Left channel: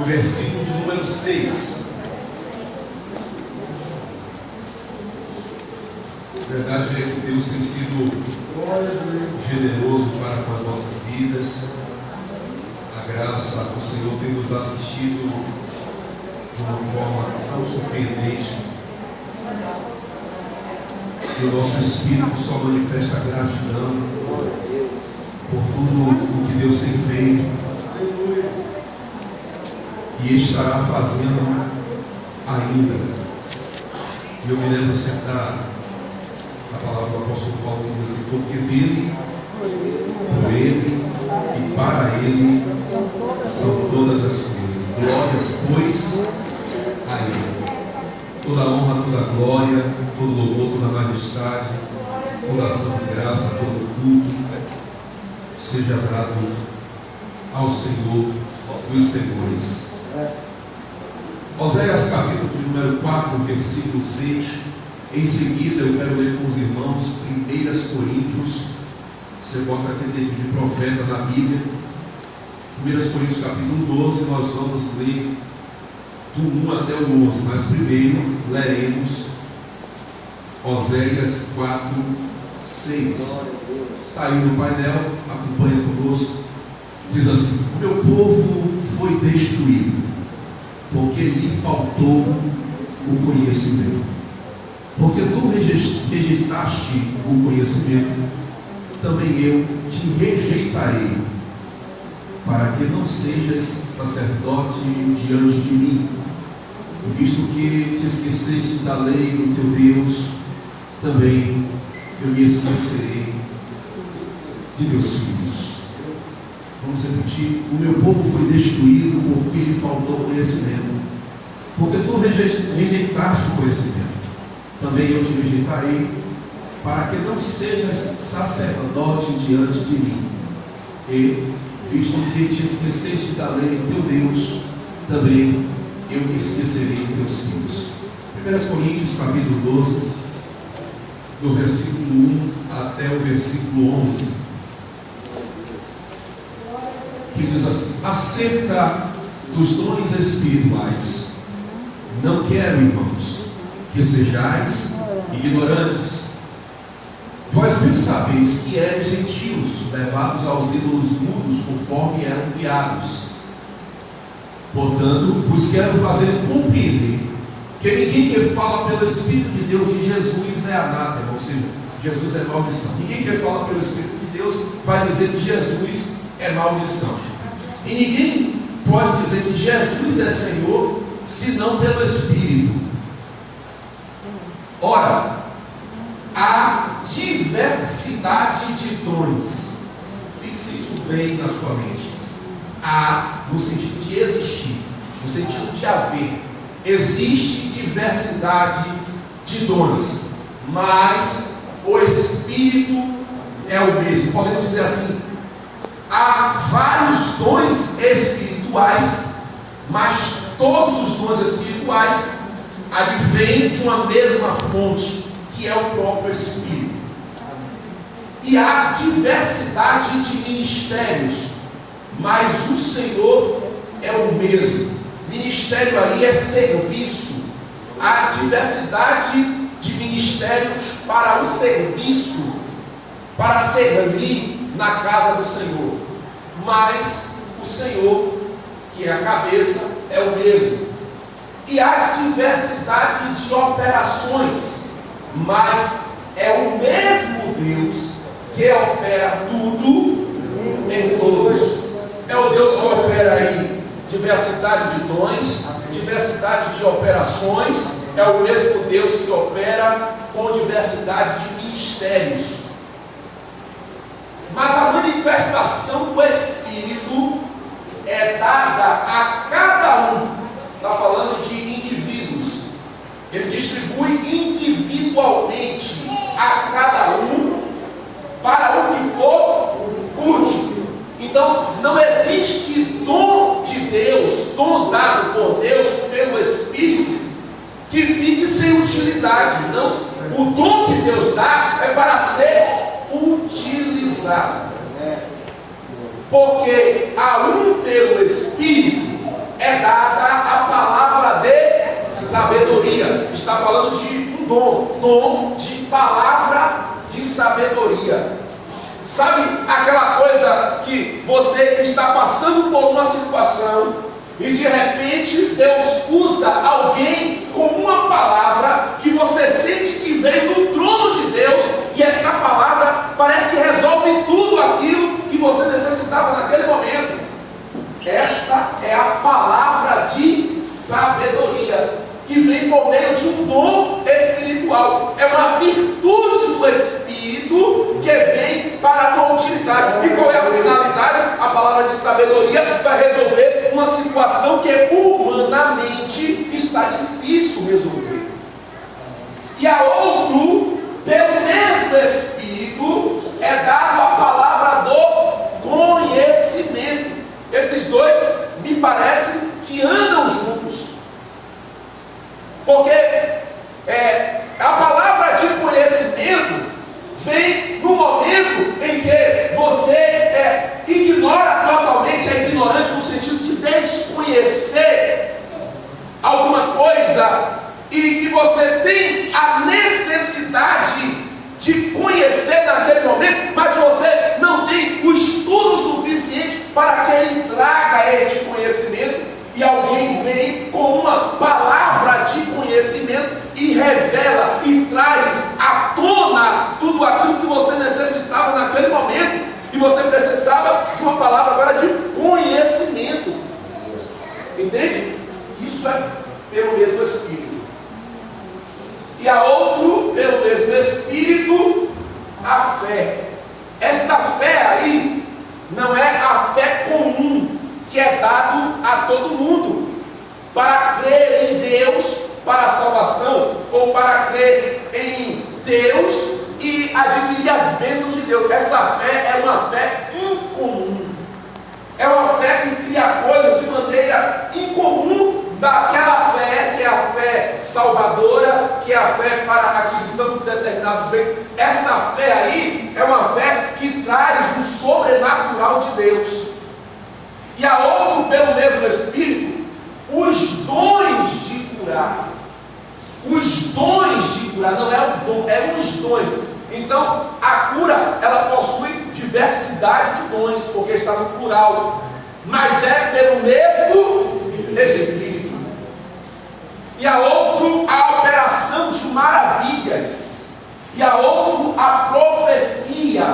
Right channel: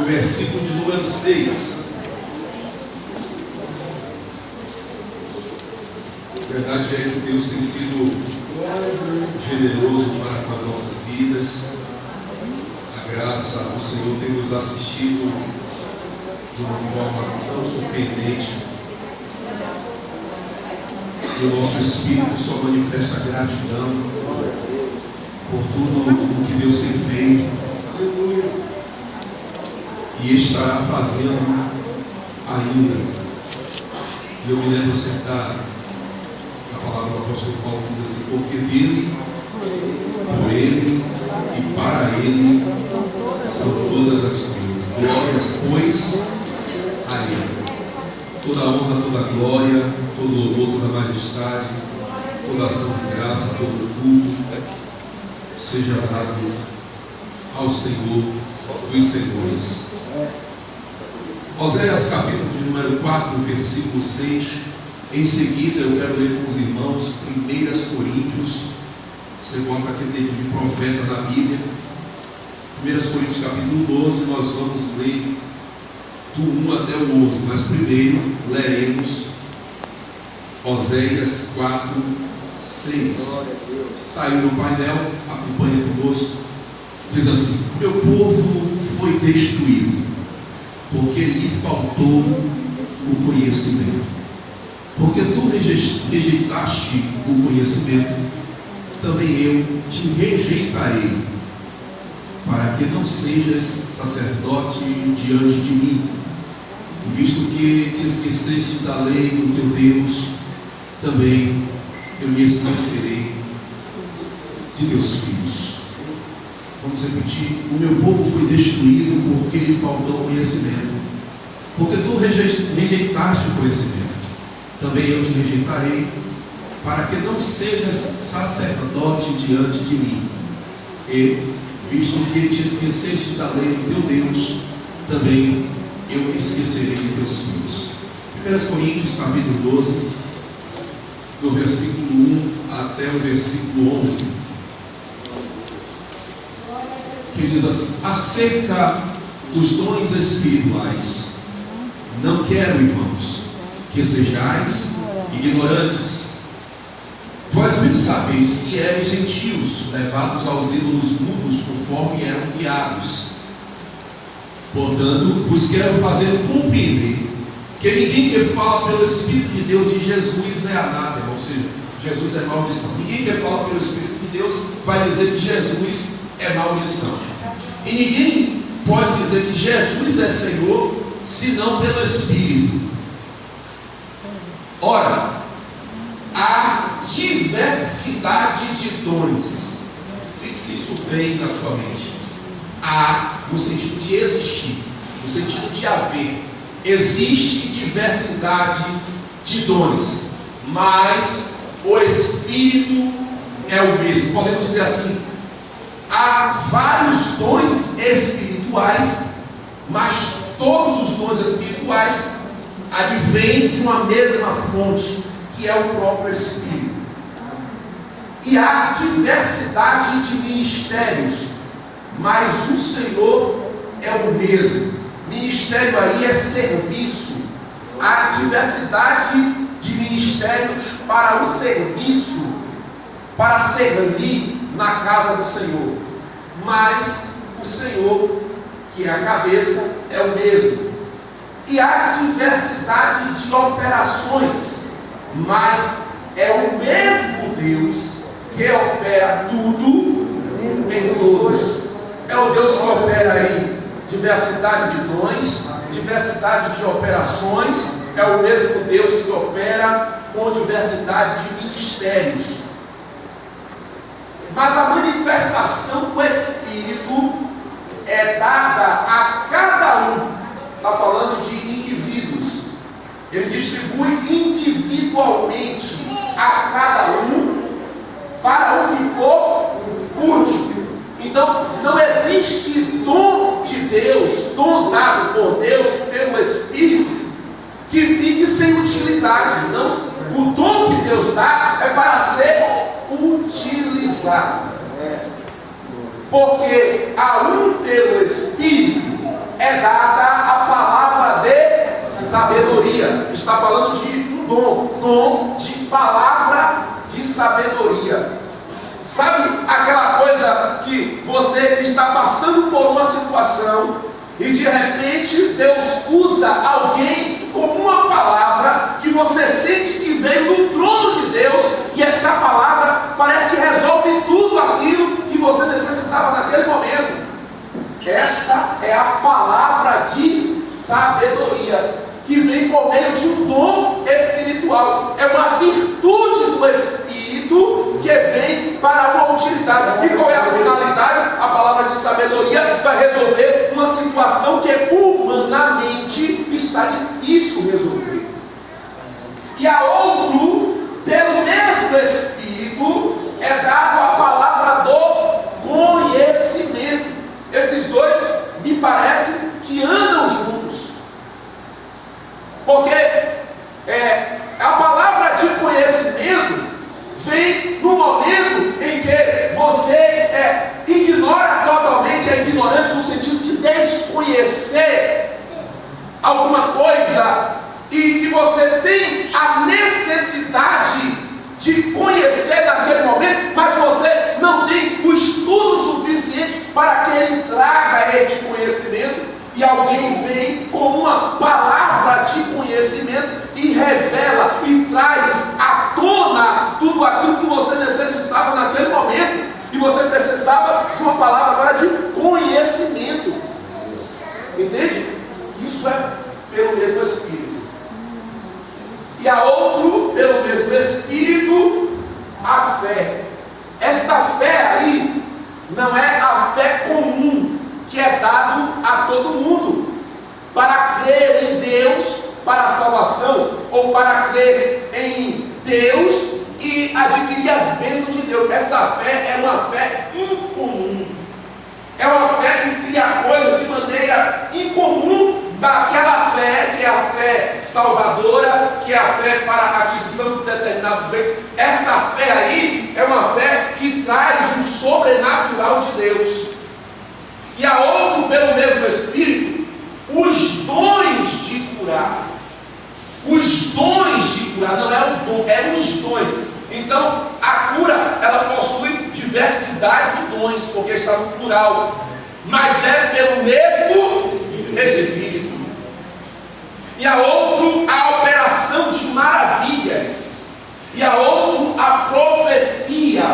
o versículo de número 6. A verdade é que Deus tem sido generoso para com as nossas vidas. A graça do Senhor tem nos assistido de uma forma tão surpreendente. E o nosso espírito só manifesta gratidão por tudo o que Deus tem feito e estará fazendo ainda. E eu me lembro sempre a palavra do apóstolo Paulo, que diz assim: porque dele, por ele e para ele são todas as coisas. Glórias, pois, a ele. Toda honra, toda glória, todo louvor, toda majestade, toda ação de graça, todo culto seja dado ao Senhor dos Senhores. Oséias capítulo de número 4, versículo 6. Em seguida eu quero ler com os irmãos 1 Coríntios. Você bota aquele livro de profeta na Bíblia. 1 Coríntios capítulo 12, nós vamos ler do 1 até o 11. Mas primeiro leremos Oséias 4, 6. Está aí no painel, acompanha conosco. Diz assim: o meu povo foi destruído, porque lhe faltou o conhecimento. Porque tu rejeitaste o conhecimento, também eu te rejeitarei, para que não sejas sacerdote diante de mim. Visto que te esqueceste da lei do teu Deus, também eu me esquecerei de teus filhos. Vamos repetir: o meu povo foi destruído porque lhe faltou conhecimento. Porque tu rejeitaste o conhecimento, também eu te rejeitarei, para que não sejas sacerdote diante de mim. E, visto que te esqueceste da lei do teu Deus, também eu me esquecerei de teus filhos. 1 Coríntios capítulo 12, do versículo 1 até o versículo 11, que diz assim: acerca dos dons espirituais, não quero, irmãos, que sejais ignorantes. Vós bem sabeis que eres gentios, levados aos ídolos mudos, conforme eram guiados. Portanto, vos quero fazer compreender que ninguém que fala pelo Espírito de Deus de Jesus é anátema, ou seja, Jesus é maldição. Ninguém que fala pelo Espírito de Deus vai dizer que Jesus é maldição. E ninguém pode dizer que Jesus é Senhor, senão pelo Espírito. Ora, há diversidade de dons. Fixe isso bem na sua mente. Há, no sentido de existir, no sentido de haver. Existe diversidade de dons, mas o Espírito é o mesmo. Podemos dizer assim: há vários dons espirituais, mas todos os dons espirituais advêm de uma mesma fonte, que é o próprio Espírito. E há diversidade de ministérios, mas o Senhor é o mesmo. Ministério aí é serviço. Há diversidade de ministérios para o serviço, para servir na casa do Senhor, mas o Senhor, que é a cabeça, é o mesmo. E há diversidade de operações, mas é o mesmo Deus que opera tudo em todos. É o Deus que opera em diversidade de dons, diversidade de operações. É o mesmo Deus que opera com diversidade de ministérios. Mas a manifestação do Espírito é dada a cada um. Está falando de indivíduos. Ele distribui individualmente a cada um para o que for útil. Então, não existe dom de Deus, dom dado por Deus pelo Espírito, que fique sem utilidade. Não, o dom que Deus dá é para ser utilizado. Porque há um pelo Espírito é dada a palavra de sabedoria. Está falando de um dom de palavra de sabedoria. Sabe aquela coisa que você está passando por uma situação e de repente Deus usa alguém com uma palavra que você sente que veio do trono de Deus, e esta palavra parece que resolve tudo aquilo que você necessitava naquele momento? Esta é a palavra de sabedoria, que vem por meio de um dom espiritual. É uma virtude do Espírito que vem para uma utilidade. E qual é a finalidade? A palavra de sabedoria vai resolver uma situação que humanamente está difícil resolver. E a outro, pelo mesmo Espírito, é dado a palavra do conhecimento. Esses dois me parece que andam juntos, porque a palavra de conhecimento vem no momento em que você ignora totalmente, é ignorante no sentido de desconhecer alguma coisa, e que você tem a necessidade de conhecer naquele momento, mas você não tem o estudo suficiente para que ele traga este conhecimento, e alguém vem com uma palavra de conhecimento e revela e traz à tona tudo aquilo que você necessitava naquele momento, e você precisava de uma palavra agora de conhecimento. Entende? Isso é pelo mesmo Espírito. E a outro, pelo mesmo Espírito, a fé. Esta fé aí não é a fé comum que é dado a todo mundo para crer em Deus para a salvação, ou para crer em Deus e adquirir as bênçãos de Deus. Essa fé é uma fé incomum. É uma fé que cria coisas de maneira incomum daquela fé que é a fé salvadora, que é a fé para a aquisição de determinados bens. Essa fé aí é uma fé que traz um sobrenatural de Deus. E a outro, pelo mesmo Espírito, os dons de curar. Os dons de curar, não é o dom, é os dons. Então, a cura, ela possui diversidade de dons, porque está no plural, mas é pelo mesmo Espírito. E a outro, a operação de maravilhas. E a outro, a profecia.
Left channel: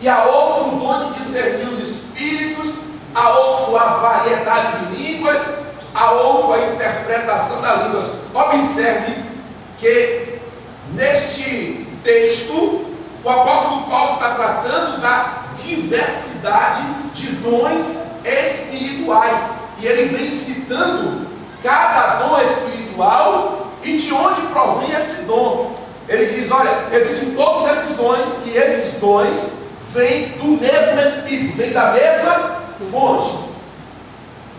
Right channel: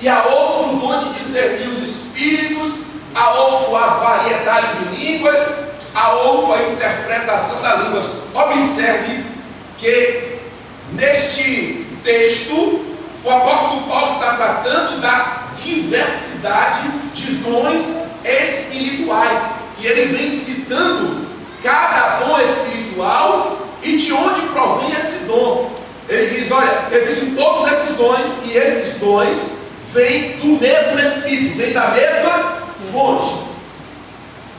E a outro, o dom de discernir os espíritos. A outro, a variedade de línguas. A outro, a interpretação das línguas. Observe que neste texto o apóstolo Paulo está tratando da diversidade de dons espirituais, e ele vem citando cada dom espiritual e de onde provém esse dom. Ele diz: olha, existem todos esses dons, e esses dons vêm do mesmo Espírito, vêm da mesma fonte,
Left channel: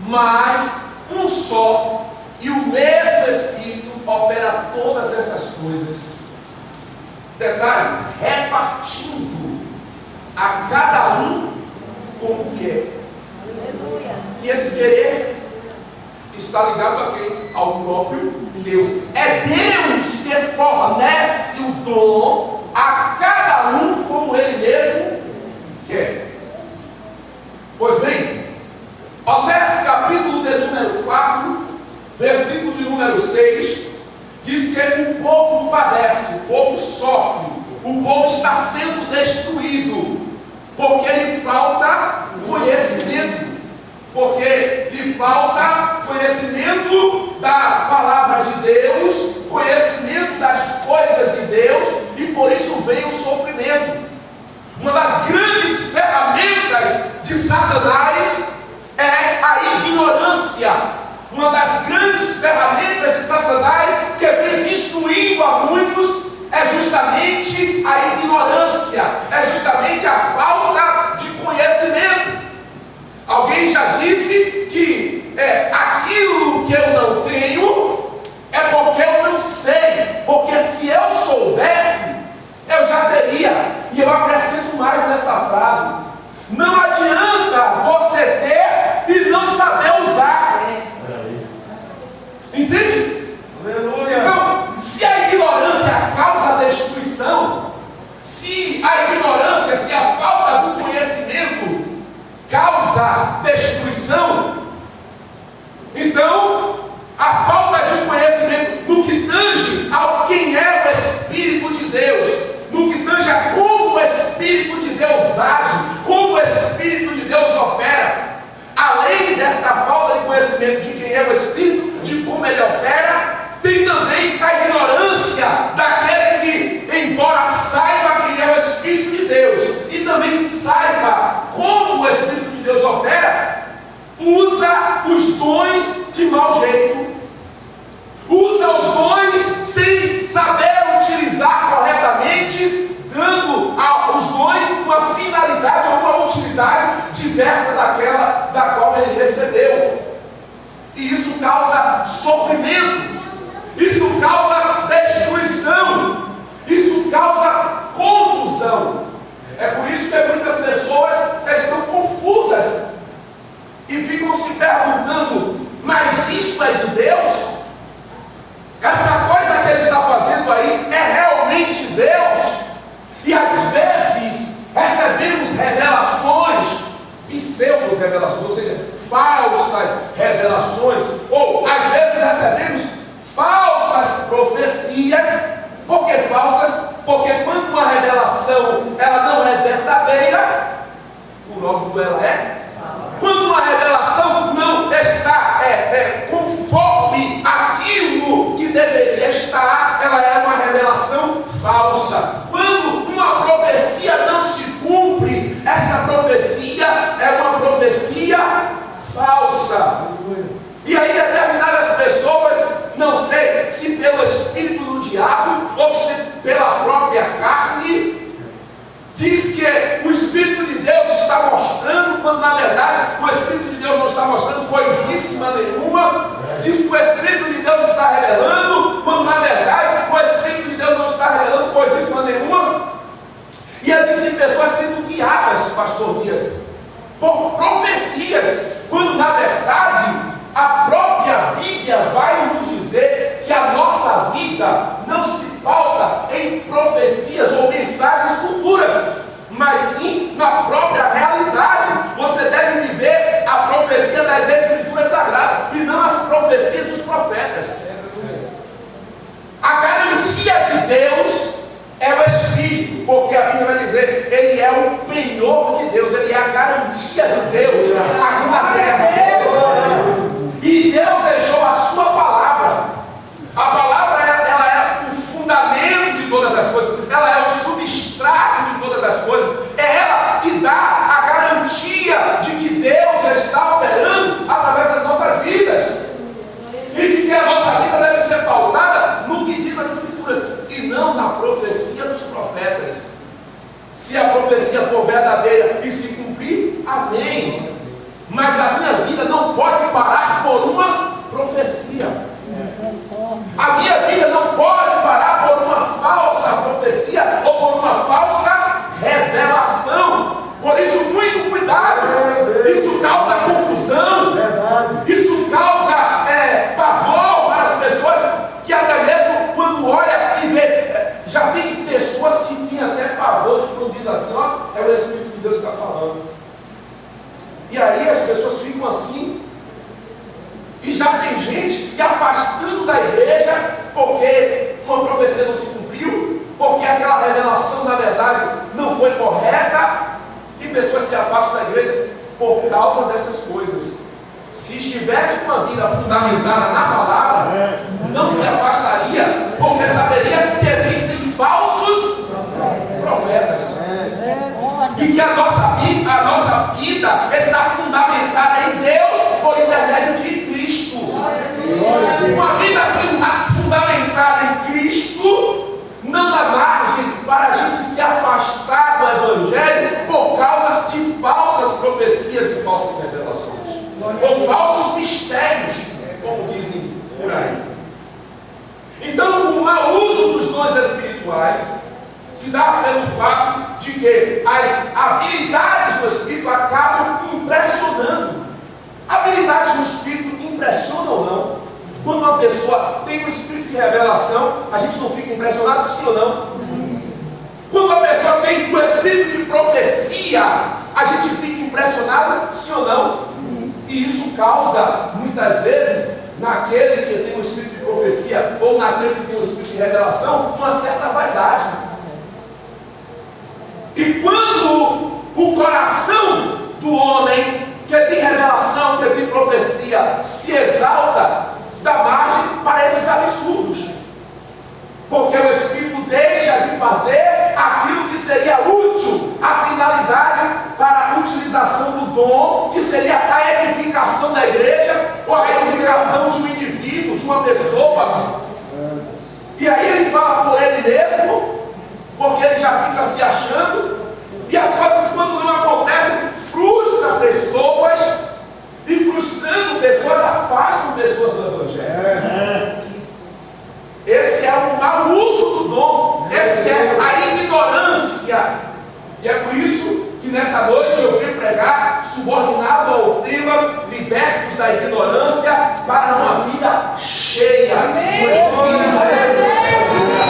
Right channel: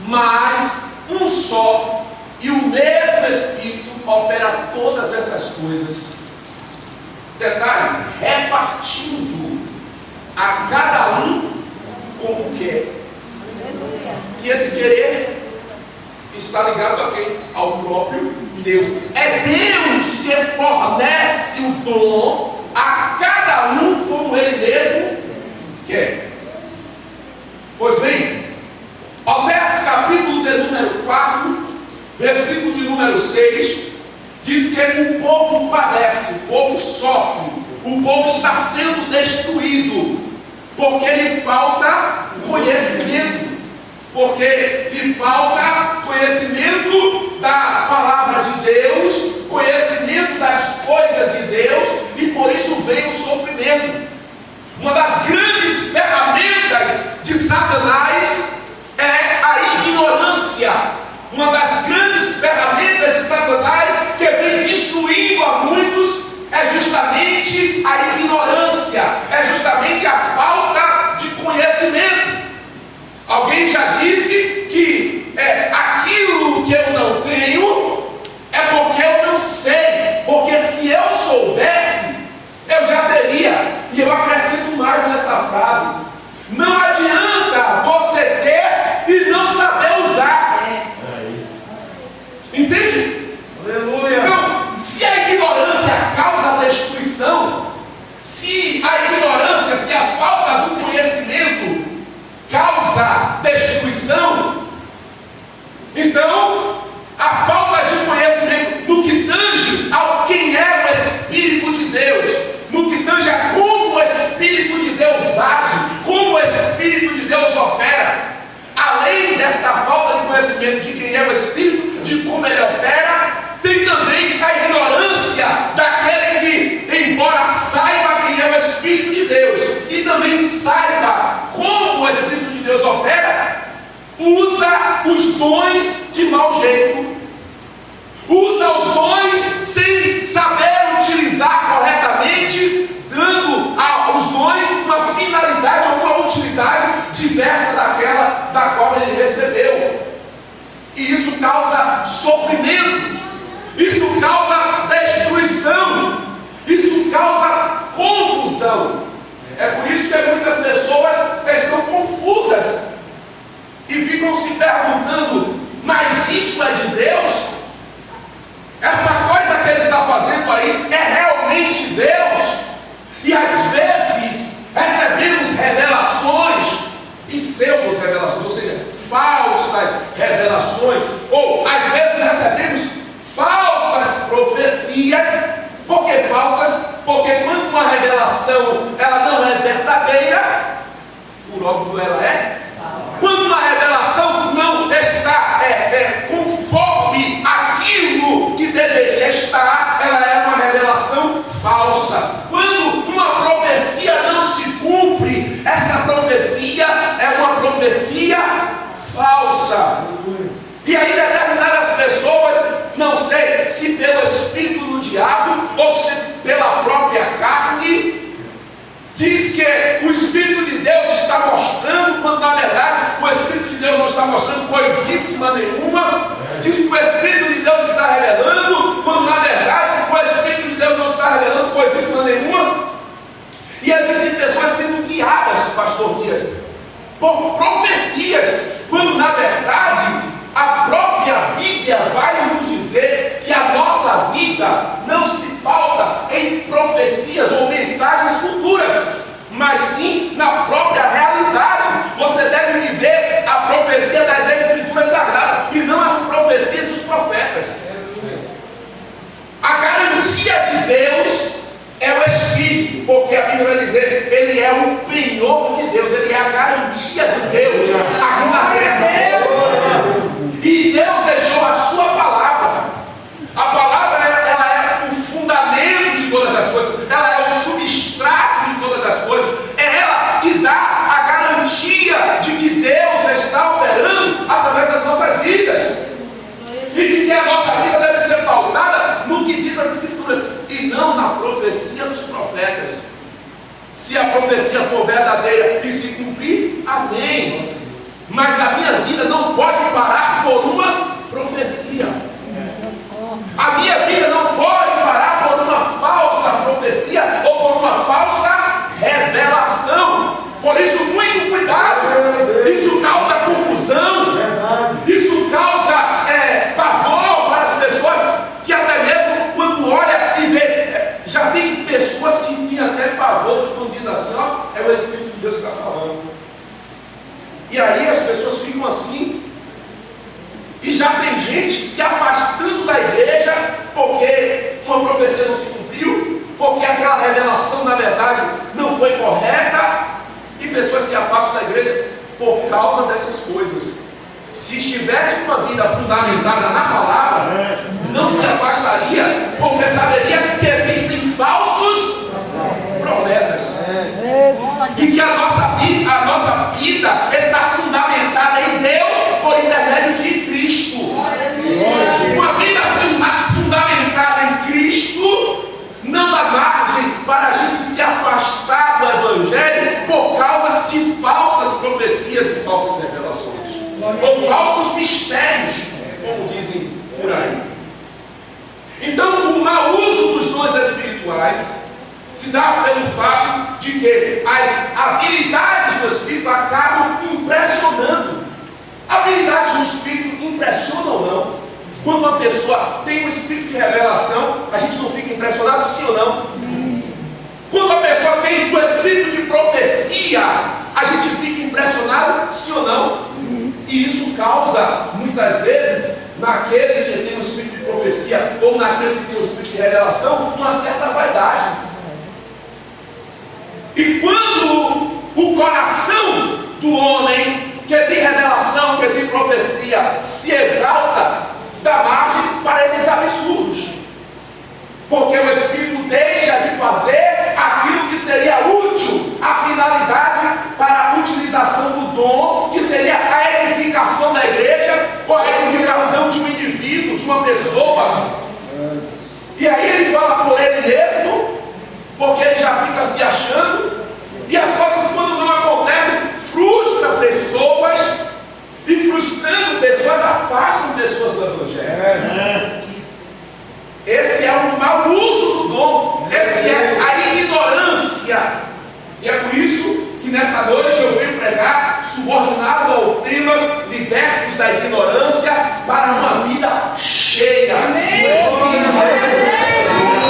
mas um só e o mesmo Espírito opera todas essas coisas. Detalhe, repartindo a cada um como quer. E esse querer está ligado a quem? Ao próprio Deus. É Deus que fornece o dom a cada um como ele mesmo quer. Pois bem, Oséias capítulo de número 4, versículo de número 6, diz que o povo padece, o povo sofre, o povo está sendo destruído, porque lhe falta conhecimento, porque lhe falta conhecimento da palavra de Deus, conhecimento das coisas de Deus, e por isso vem o sofrimento. Uma das grandes ferramentas de Satanás é a ignorância. Uma das grandes ferramentas de Satanás que vem destruindo a muitos é justamente a ignorância, é justamente a falta de conhecimento. Alguém já disse que aquilo que eu não tenho é porque eu não sei, porque se eu soubesse, eu já teria. E eu acrescento mais nessa frase: não adianta você ter e não saber usar. causa destruição. Então, a falta de conhecimento no que tange ao quem é o Espírito de Deus, no que tange a como o Espírito de Deus age, como o Espírito de Deus opera, além desta falta de conhecimento de quem é o Espírito, de como ele opera, tem também a ignorância daquele que, embora saiba quem é o Espírito de Deus e também saiba como o Espírito de Deus opera, usa os dons de mau jeito, usa os dons sem saber utilizar corretamente, dando aos dons uma finalidade ou uma utilidade diversa daquela da qual ele recebeu. E isso causa sofrimento, isso causa destruição, isso causa confusão. É por isso que muitas pessoas estão confusas e ficam se perguntando: mas isso é de Deus? Essa coisa que ele está fazendo aí é realmente Deus? E às vezes recebemos revelações, pseudo-revelações, ou seja, falsas revelações, ou às vezes recebemos falsas profecias. Por que falsas? Porque quando uma revelação ela não é verdadeira, por óbvio ela é. Quando uma revelação não está conforme aquilo que deveria estar, ela é uma revelação falsa. Quando uma profecia não se cumpre, essa profecia é uma profecia falsa. E aí determinadas pessoas, não sei se pelo espírito do diabo ou se pela própria carne, diz que o Espírito de Deus está mostrando, quando na verdade o Espírito de Deus não está mostrando coisíssima nenhuma. Diz que o Espírito de Deus está revelando, quando na verdade o Espírito de Deus não está revelando coisíssima nenhuma. E existem pessoas sendo guiadas, pastor Dias, por profecias, quando na verdade a própria Bíblia vai nos dizer que a nossa vida não se pauta em profecias ou mensagens futuras, mas sim na própria realidade. Você deve viver a profecia das Escrituras Sagradas e não as profecias dos profetas. A garantia de Deus é o Espírito, porque a Bíblia vai dizer, ele é o penhor de Deus, ele é a garantia de Deus aqui na terra. E Deus deixou a sua palavra. A palavra ela é o fundamento de todas as coisas, ela é o substrato de todas as coisas, é ela que dá a garantia de que Deus está operando através das nossas vidas, e de que a nossa vida deve ser pautada no que diz as Escrituras e não na profecia dos profetas. Se a profecia for verdadeira e se cumprir, amém. Mas a minha vida não pode parar por uma profecia. A minha vida não pode parar por uma falsa profecia ou por uma falsa revelação. Por isso, muito cuidado. Isso causa confusão. Isso causa pavor para as pessoas, que até mesmo quando olha e vê, já tem pessoas que têm até pavor quando diz assim, ó, é o Espírito de Deus que está falando. E aí as pessoas ficam assim, e já tem gente se afastando da igreja porque uma profecia não se cumpriu, porque aquela revelação na verdade não foi correta, e pessoas se afastam da igreja por causa dessas coisas. Se estivesse uma vida fundamentada na palavra, não se afastaria, porque saberia que existem falsos profetas. E que a nossa vida está fundamentada em Deus por intermédio de Cristo. Uma vida fundamentada em Cristo não dá margem para a gente se afastar do Evangelho por causa de falsas profecias e falsas revelações, ou falsos mistérios, como dizem por aí. Então, o mau uso dos dons espirituais se dá pelo fato de que as habilidades do Espírito acabam impressionando. Habilidades do Espírito impressionam ou não? Quando uma pessoa tem um Espírito de revelação, a gente não fica impressionado, sim ou não? Quando a pessoa tem o Espírito de profecia, a gente fica impressionado, sim ou não? E isso causa, muitas vezes, naquele que tem um espírito de profecia ou naquele que tem um espírito de revelação, uma certa vaidade. E quando o coração do homem que tem revelação, que tem profecia, se exalta, dá margem para esses absurdos. Porque o Espírito deixa de fazer aquilo que seria útil, a finalidade para a utilização do dom, que seria a edificação da igreja, ou a edificação de um indivíduo, de uma pessoa. E aí ele fala por ele mesmo, porque ele já fica se achando, e as coisas, quando não acontecem, frustram pessoas, e frustrando pessoas, afastam pessoas do Evangelho. Esse é o mau uso do dom, esse é a ignorância. E é por isso que nessa noite eu venho pregar, subordinado ao tema libertos da ignorância para uma vida cheia do Espírito.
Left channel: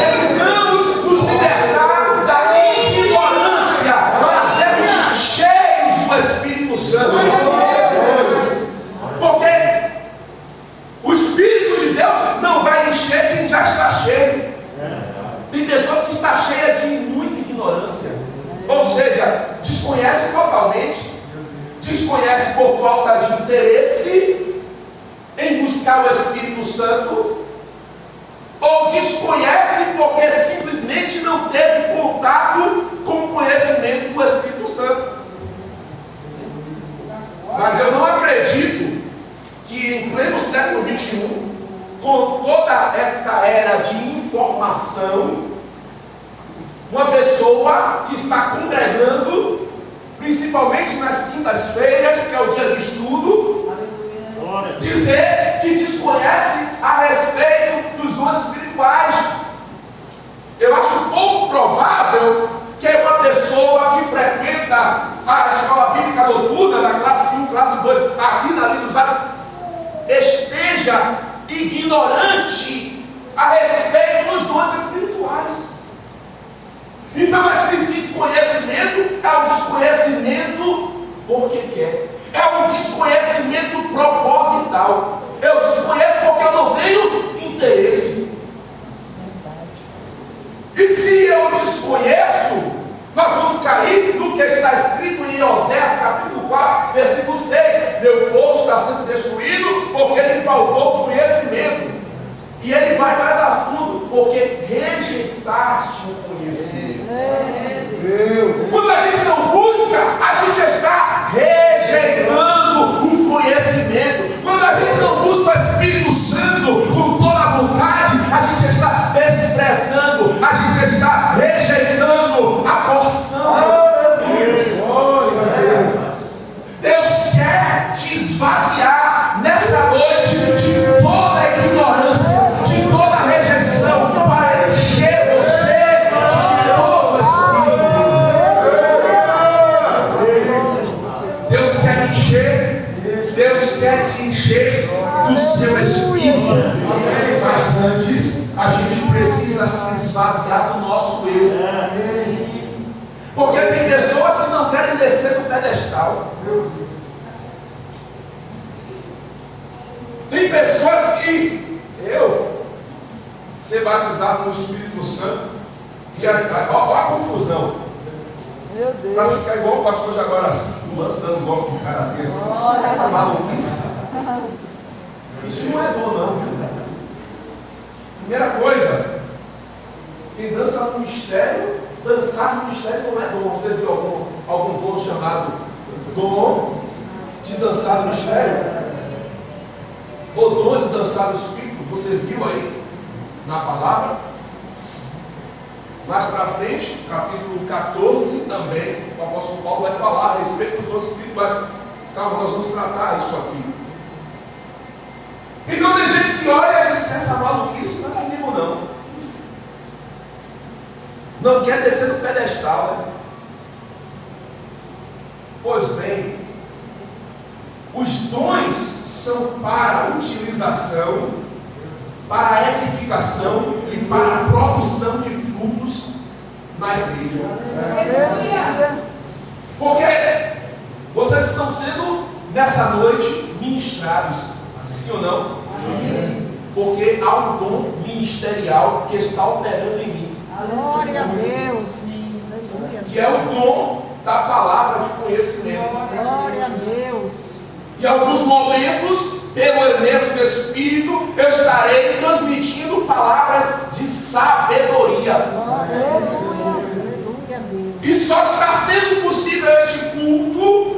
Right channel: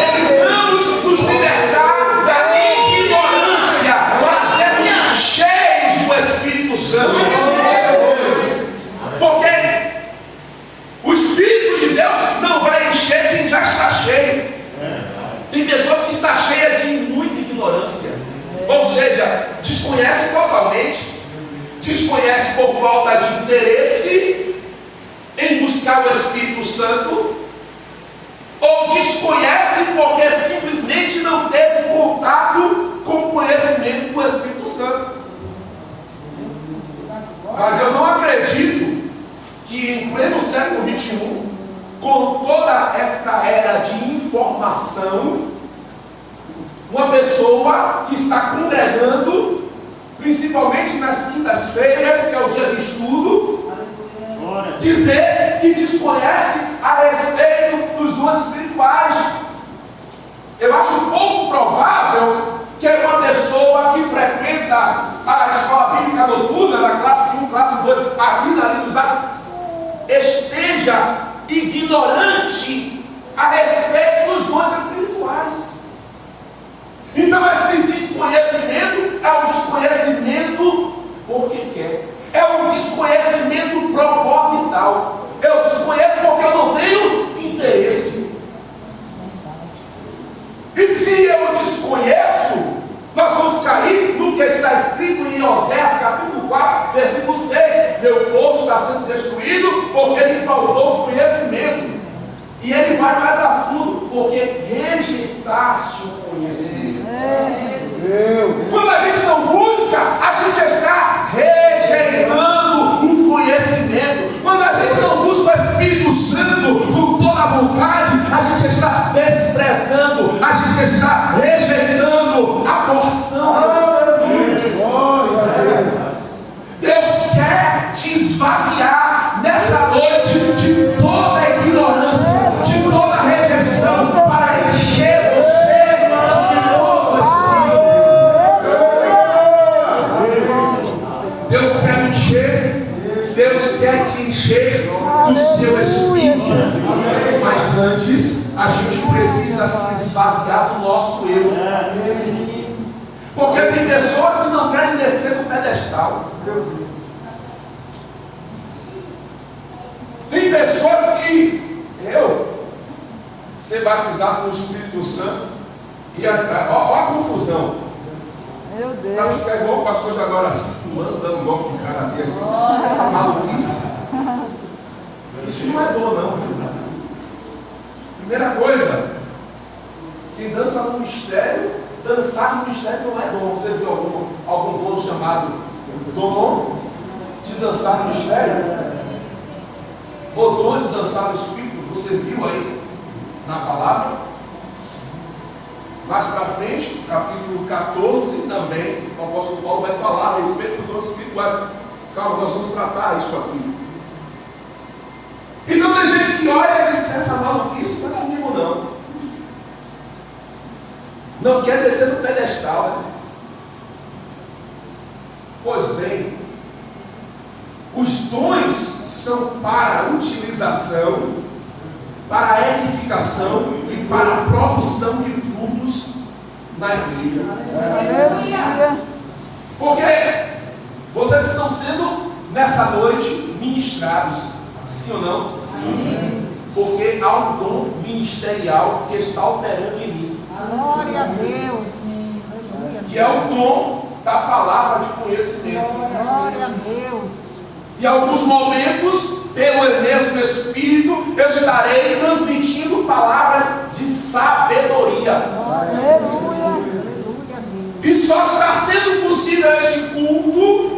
Precisamos nos libertar da ignorância para sermos cheios do Espírito Santo. Porque o Espírito de Deus não vai encher quem já está cheio. Tem pessoas que estão cheias de muita ignorância, ou seja, desconhece totalmente, desconhece por falta de interesse em buscar o Espírito Santo, ou desconhece porque simplesmente não teve contato com o conhecimento do Espírito Santo. Mas eu não acredito que em pleno século XXI, com toda esta era de informação, uma pessoa que está congregando, principalmente nas quintas-feiras, que é o dia de estudo, dizer que desconhece a respeito dos dons espirituais. Eu acho pouco provável que uma pessoa que frequenta a escola bíblica noturna, da classe 1, classe 2, aqui na Linha dos Atos, esteja ignorante a respeito dos dons espirituais. Então esse desconhecimento é um desconhecimento porque quer, é um desconhecimento proposital. Eu desconheço porque eu não tenho interesse. E se eu desconheço, nós vamos cair no que está escrito em Oséias capítulo 4, versículo 6. Meu povo está sendo destruído porque lhe faltou conhecimento. E ele vai mais a fundo, porque rejeitaste o conhecimento. Quando a gente não busca, a gente está rejeitando o conhecimento. Quando a gente não busca o Espírito Santo com toda a vontade, a gente está desprezando, a gente está rejeitando a porção do Espírito. Deus quer te esvaziar nessa noite de toda a ignorância, de toda a rejeição, para encher você de todo o Espírito. Deus quer encher, Deus quer te encher do seu Espírito. Mas antes, a gente precisa se esvaziar do nosso eu. Porque tem pessoas que não querem descer do pedestal. Tem pessoas que ser batizado no Espírito Santo e olha a confusão. Meu Deus. Para ficar igual o pastor de agora, dando golpe de cara dele. Essa maluquice. Isso não é dom, não, viu? Primeira coisa, quem dança no mistério, dançar no mistério não é dom. Você viu algum dom chamado dom de dançar no mistério? O dom de dançar no Espírito, você viu aí na palavra? Mais para frente, capítulo 14 também, o apóstolo Paulo vai falar a respeito dos dons espirituais. Calma, nós vamos tratar isso aqui. Então tem gente que olha e diz: essa maluquice não é comigo não. Não quer descer do pedestal, né? Pois bem, os dons são para utilização, para edificação e para a produção de frutos na igreja. Porque vocês vocês estão sendo, nessa noite, ministrados. Sim ou não? Amém. Porque há um dom ministerial que está operando em mim. Glória a Deus. Que é o dom da palavra de conhecimento. Glória a Deus. Em alguns momentos, pelo mesmo Espírito, eu estarei transmitindo palavras de sabedoria. Aleluia. E só está sendo possível este culto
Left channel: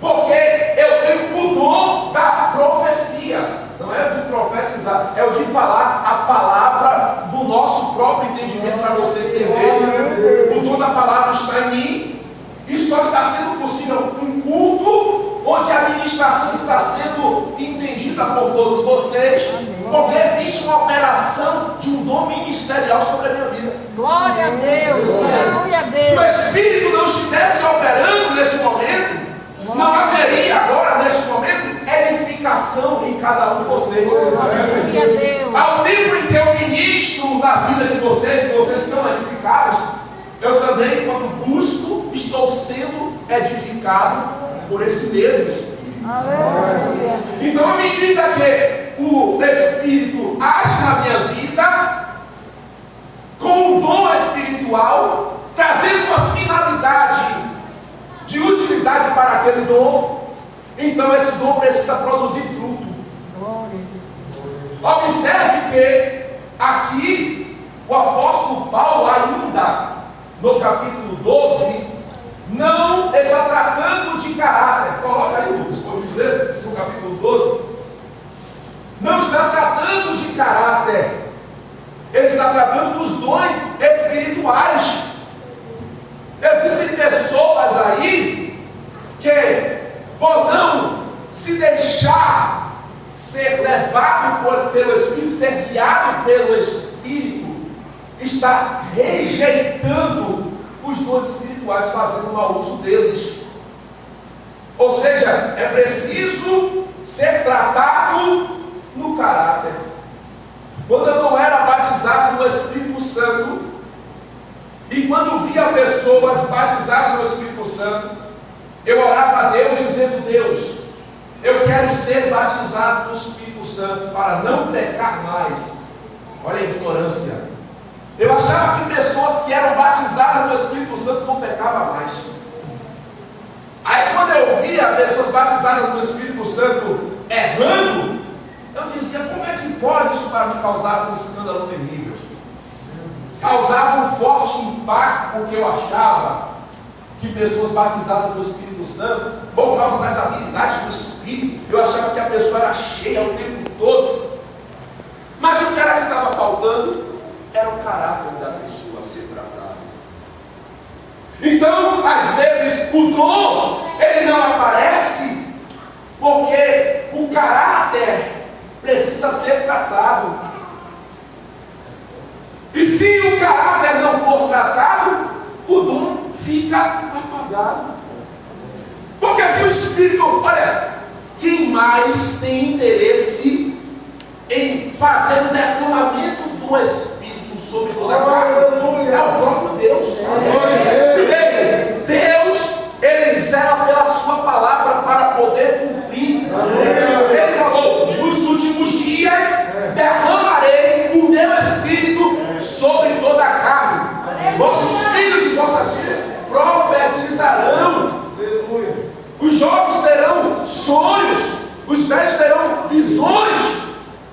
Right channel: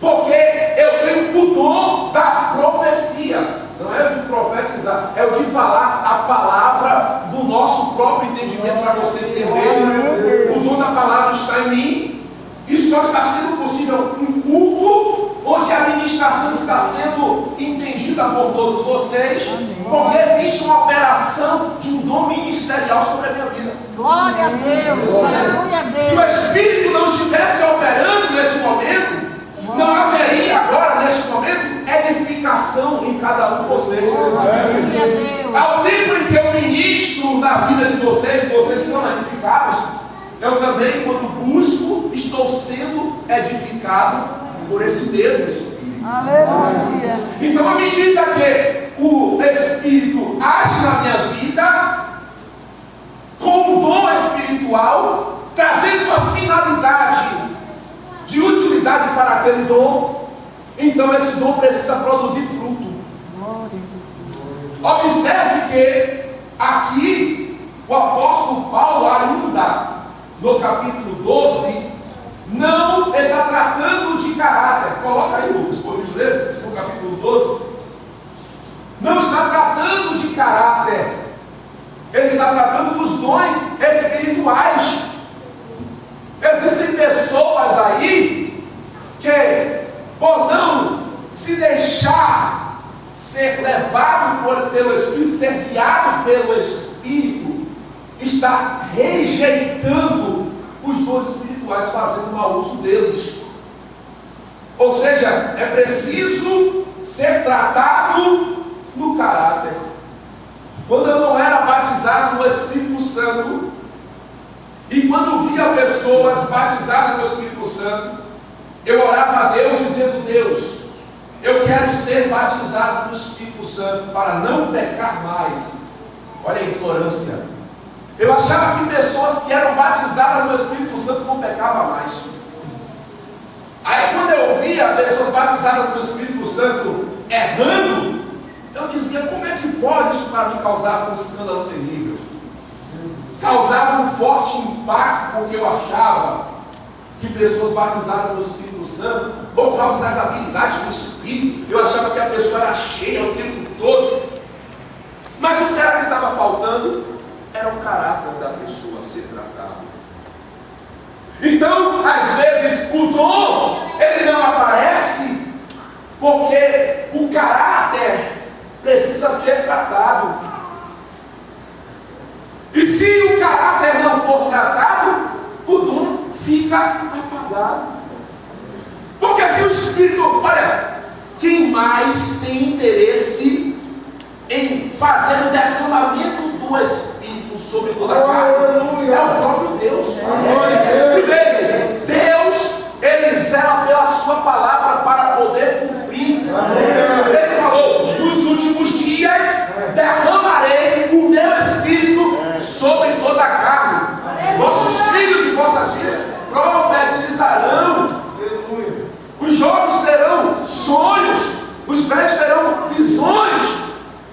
porque eu tenho o dom da profecia. Não é o de profetizar, é o de falar a palavra do nosso próprio entendimento para você entender. O dom da palavra está em mim. E só está sendo possível um culto onde a ministração está sendo entendida por todos vocês, porque existe uma operação de um dom ministerial sobre a minha vida. Glória a Deus. Glória a Deus. Se o Espírito não estivesse operando neste momento, não haveria agora, neste momento, edificação em cada um de vocês. Glória a Deus. Ao tempo em que eu ministro na vida de vocês, vocês são edificados, eu também, quando busco, estou sendo edificado por esse mesmo Espírito. Aleluia. Então, à medida que o Espírito age na minha vida, com um dom espiritual, trazendo uma finalidade de utilidade para aquele dom, então esse dom precisa produzir fruto. Observe que aqui o apóstolo Paulo ainda no capítulo 12 não está tratando de caráter. Coloca aí, Lucas, por gentileza, no capítulo 12. Não está tratando de caráter. Ele está tratando dos dons espirituais. Existem pessoas aí que, por não se deixar ser levado pelo Espírito, ser guiado pelo Espírito, está rejeitando os dons espirituais, fazendo mau uso deles. Ou seja, é preciso ser tratado no caráter. Quando eu não era batizado no Espírito Santo, e quando via pessoas batizadas no Espírito Santo, eu orava a Deus dizendo: Deus, eu quero ser batizado no Espírito Santo para não pecar mais. Olha a ignorância. Eu achava que pessoas que eram batizadas no Espírito Santo não pecavam mais. Aí quando eu via pessoas batizadas no Espírito Santo errando, eu dizia: como é que pode isso para mim causar um escândalo terrível? Causava um forte impacto, porque eu achava que pessoas batizadas no Espírito Santo, por causa das habilidades do Espírito, eu achava que a pessoa era cheia o tempo todo. Mas o que era que estava faltando? Era o caráter da pessoa a ser tratado. Então, às vezes, o dom, ele não aparece, porque o caráter precisa ser tratado. E se o caráter não for tratado, o dom fica apagado. Porque se o Espírito, olha, quem mais tem interesse em fazer o derramamento do Espírito sobre toda a carne é o próprio Deus. Primeiro, Deus, ele zela pela sua palavra para poder cumprir. Ele falou: nos últimos dias derramarei o meu Espírito sobre toda a carne. Vossos filhos e vossas filhas profetizarão. Os jovens terão sonhos, os velhos terão visões.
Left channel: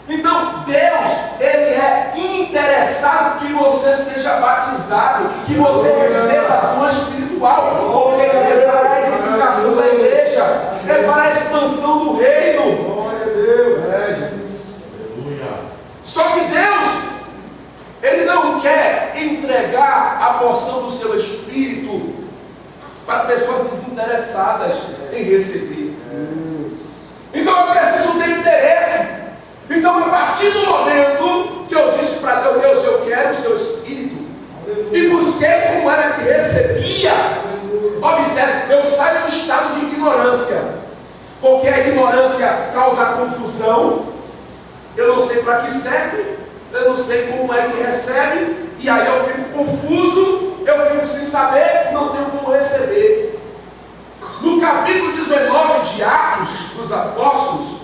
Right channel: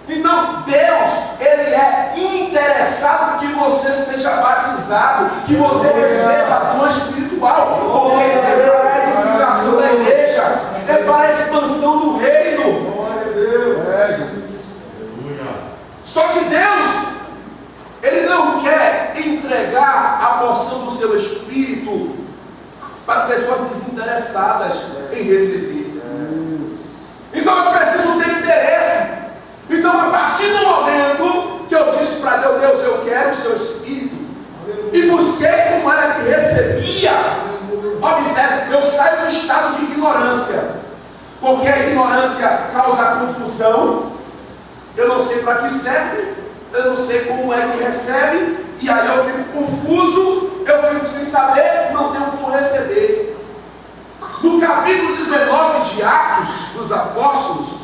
Então Deus, ele é interessado que você seja batizado, que você receba dom espiritual, porque ele é para a edificação da igreja, é para a expansão do reino. Só que Deus, ele não quer entregar a porção do seu Espírito para pessoas desinteressadas em receber. Então eu preciso ter interesse. Então, a partir do momento que eu disse para Deus: Deus, eu quero o seu Espírito, e busquei como era que recebia, observe, eu saio do estado de ignorância, porque a ignorância causa confusão. Eu não sei para que serve, eu não sei como é que recebe, e aí eu fico confuso, eu fico sem saber, não tenho como receber. No capítulo 19 de Atos dos Apóstolos,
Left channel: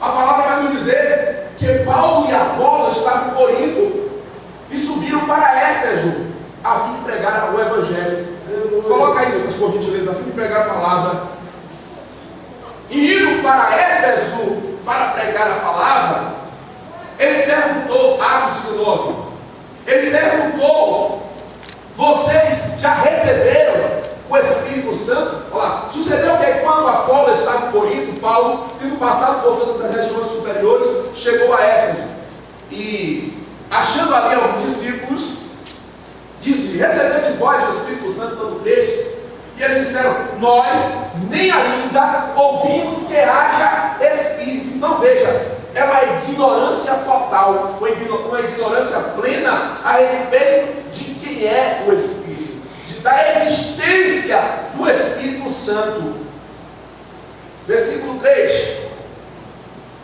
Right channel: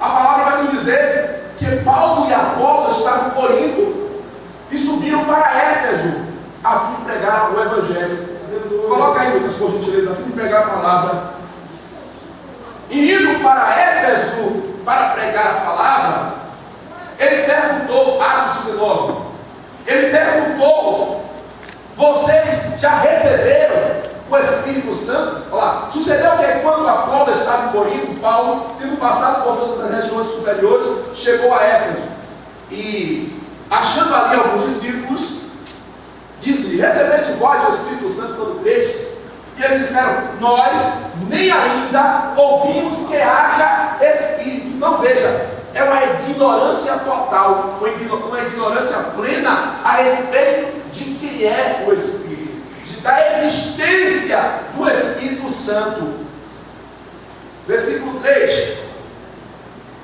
a palavra vai nos dizer que Paulo e Apolo estavam em Corinto e subiram para Éfeso a fim de pregar o Evangelho. Coloca aí, Lucas, por gentileza, a fim de pregar a palavra. E indo para Éfeso para pregar a palavra, ele perguntou, Atos 19, ele perguntou: vocês já receberam o Espírito Santo? Olha lá, sucedeu que quando Apolo estava em Corinto, Paulo, tendo passado por todas as regiões superiores, chegou a Éfeso e, achando ali alguns discípulos, disse: recebeste vós o Espírito Santo quando crestes? E eles disseram: nós nem ainda ouvimos que haja Espírito. Então veja, é uma ignorância total, uma ignorância plena a respeito de quem é o Espírito, da existência do Espírito Santo. Versículo 3:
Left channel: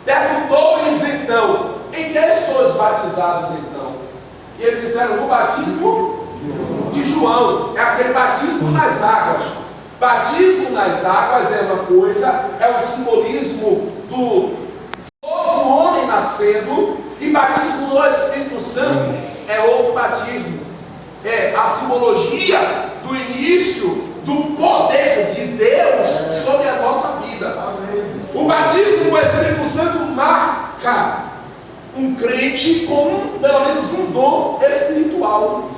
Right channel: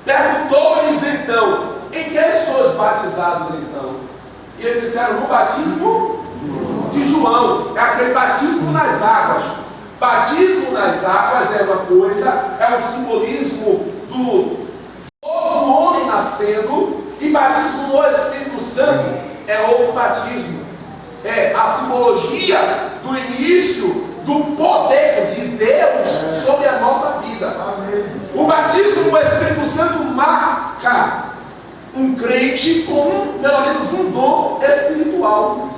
perguntou-lhes então: em que sois batizados então? E eles disseram: no batismo de João. É aquele batismo nas águas. Batismo nas águas é uma coisa, é um simbolismo do novo homem nascendo, e batismo no Espírito Santo é outro batismo. É a simbologia do início do poder de Deus sobre a nossa vida. O batismo no Espírito Santo marca um crente com pelo menos um dom espiritual,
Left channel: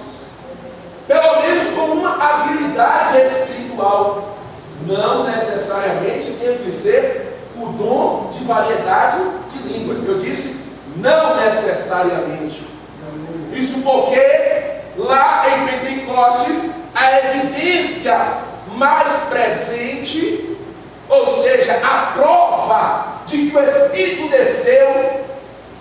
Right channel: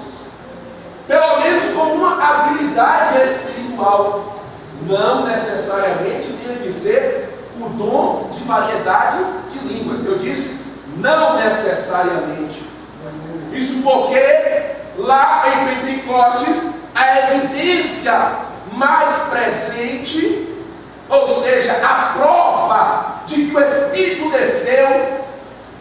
pelo menos com uma habilidade espiritual. Não necessariamente tem que ser o dom de variedade de línguas. Eu disse não necessariamente. Isso porque lá em Pentecostes a evidência mais presente, ou seja, a prova de que o Espírito desceu,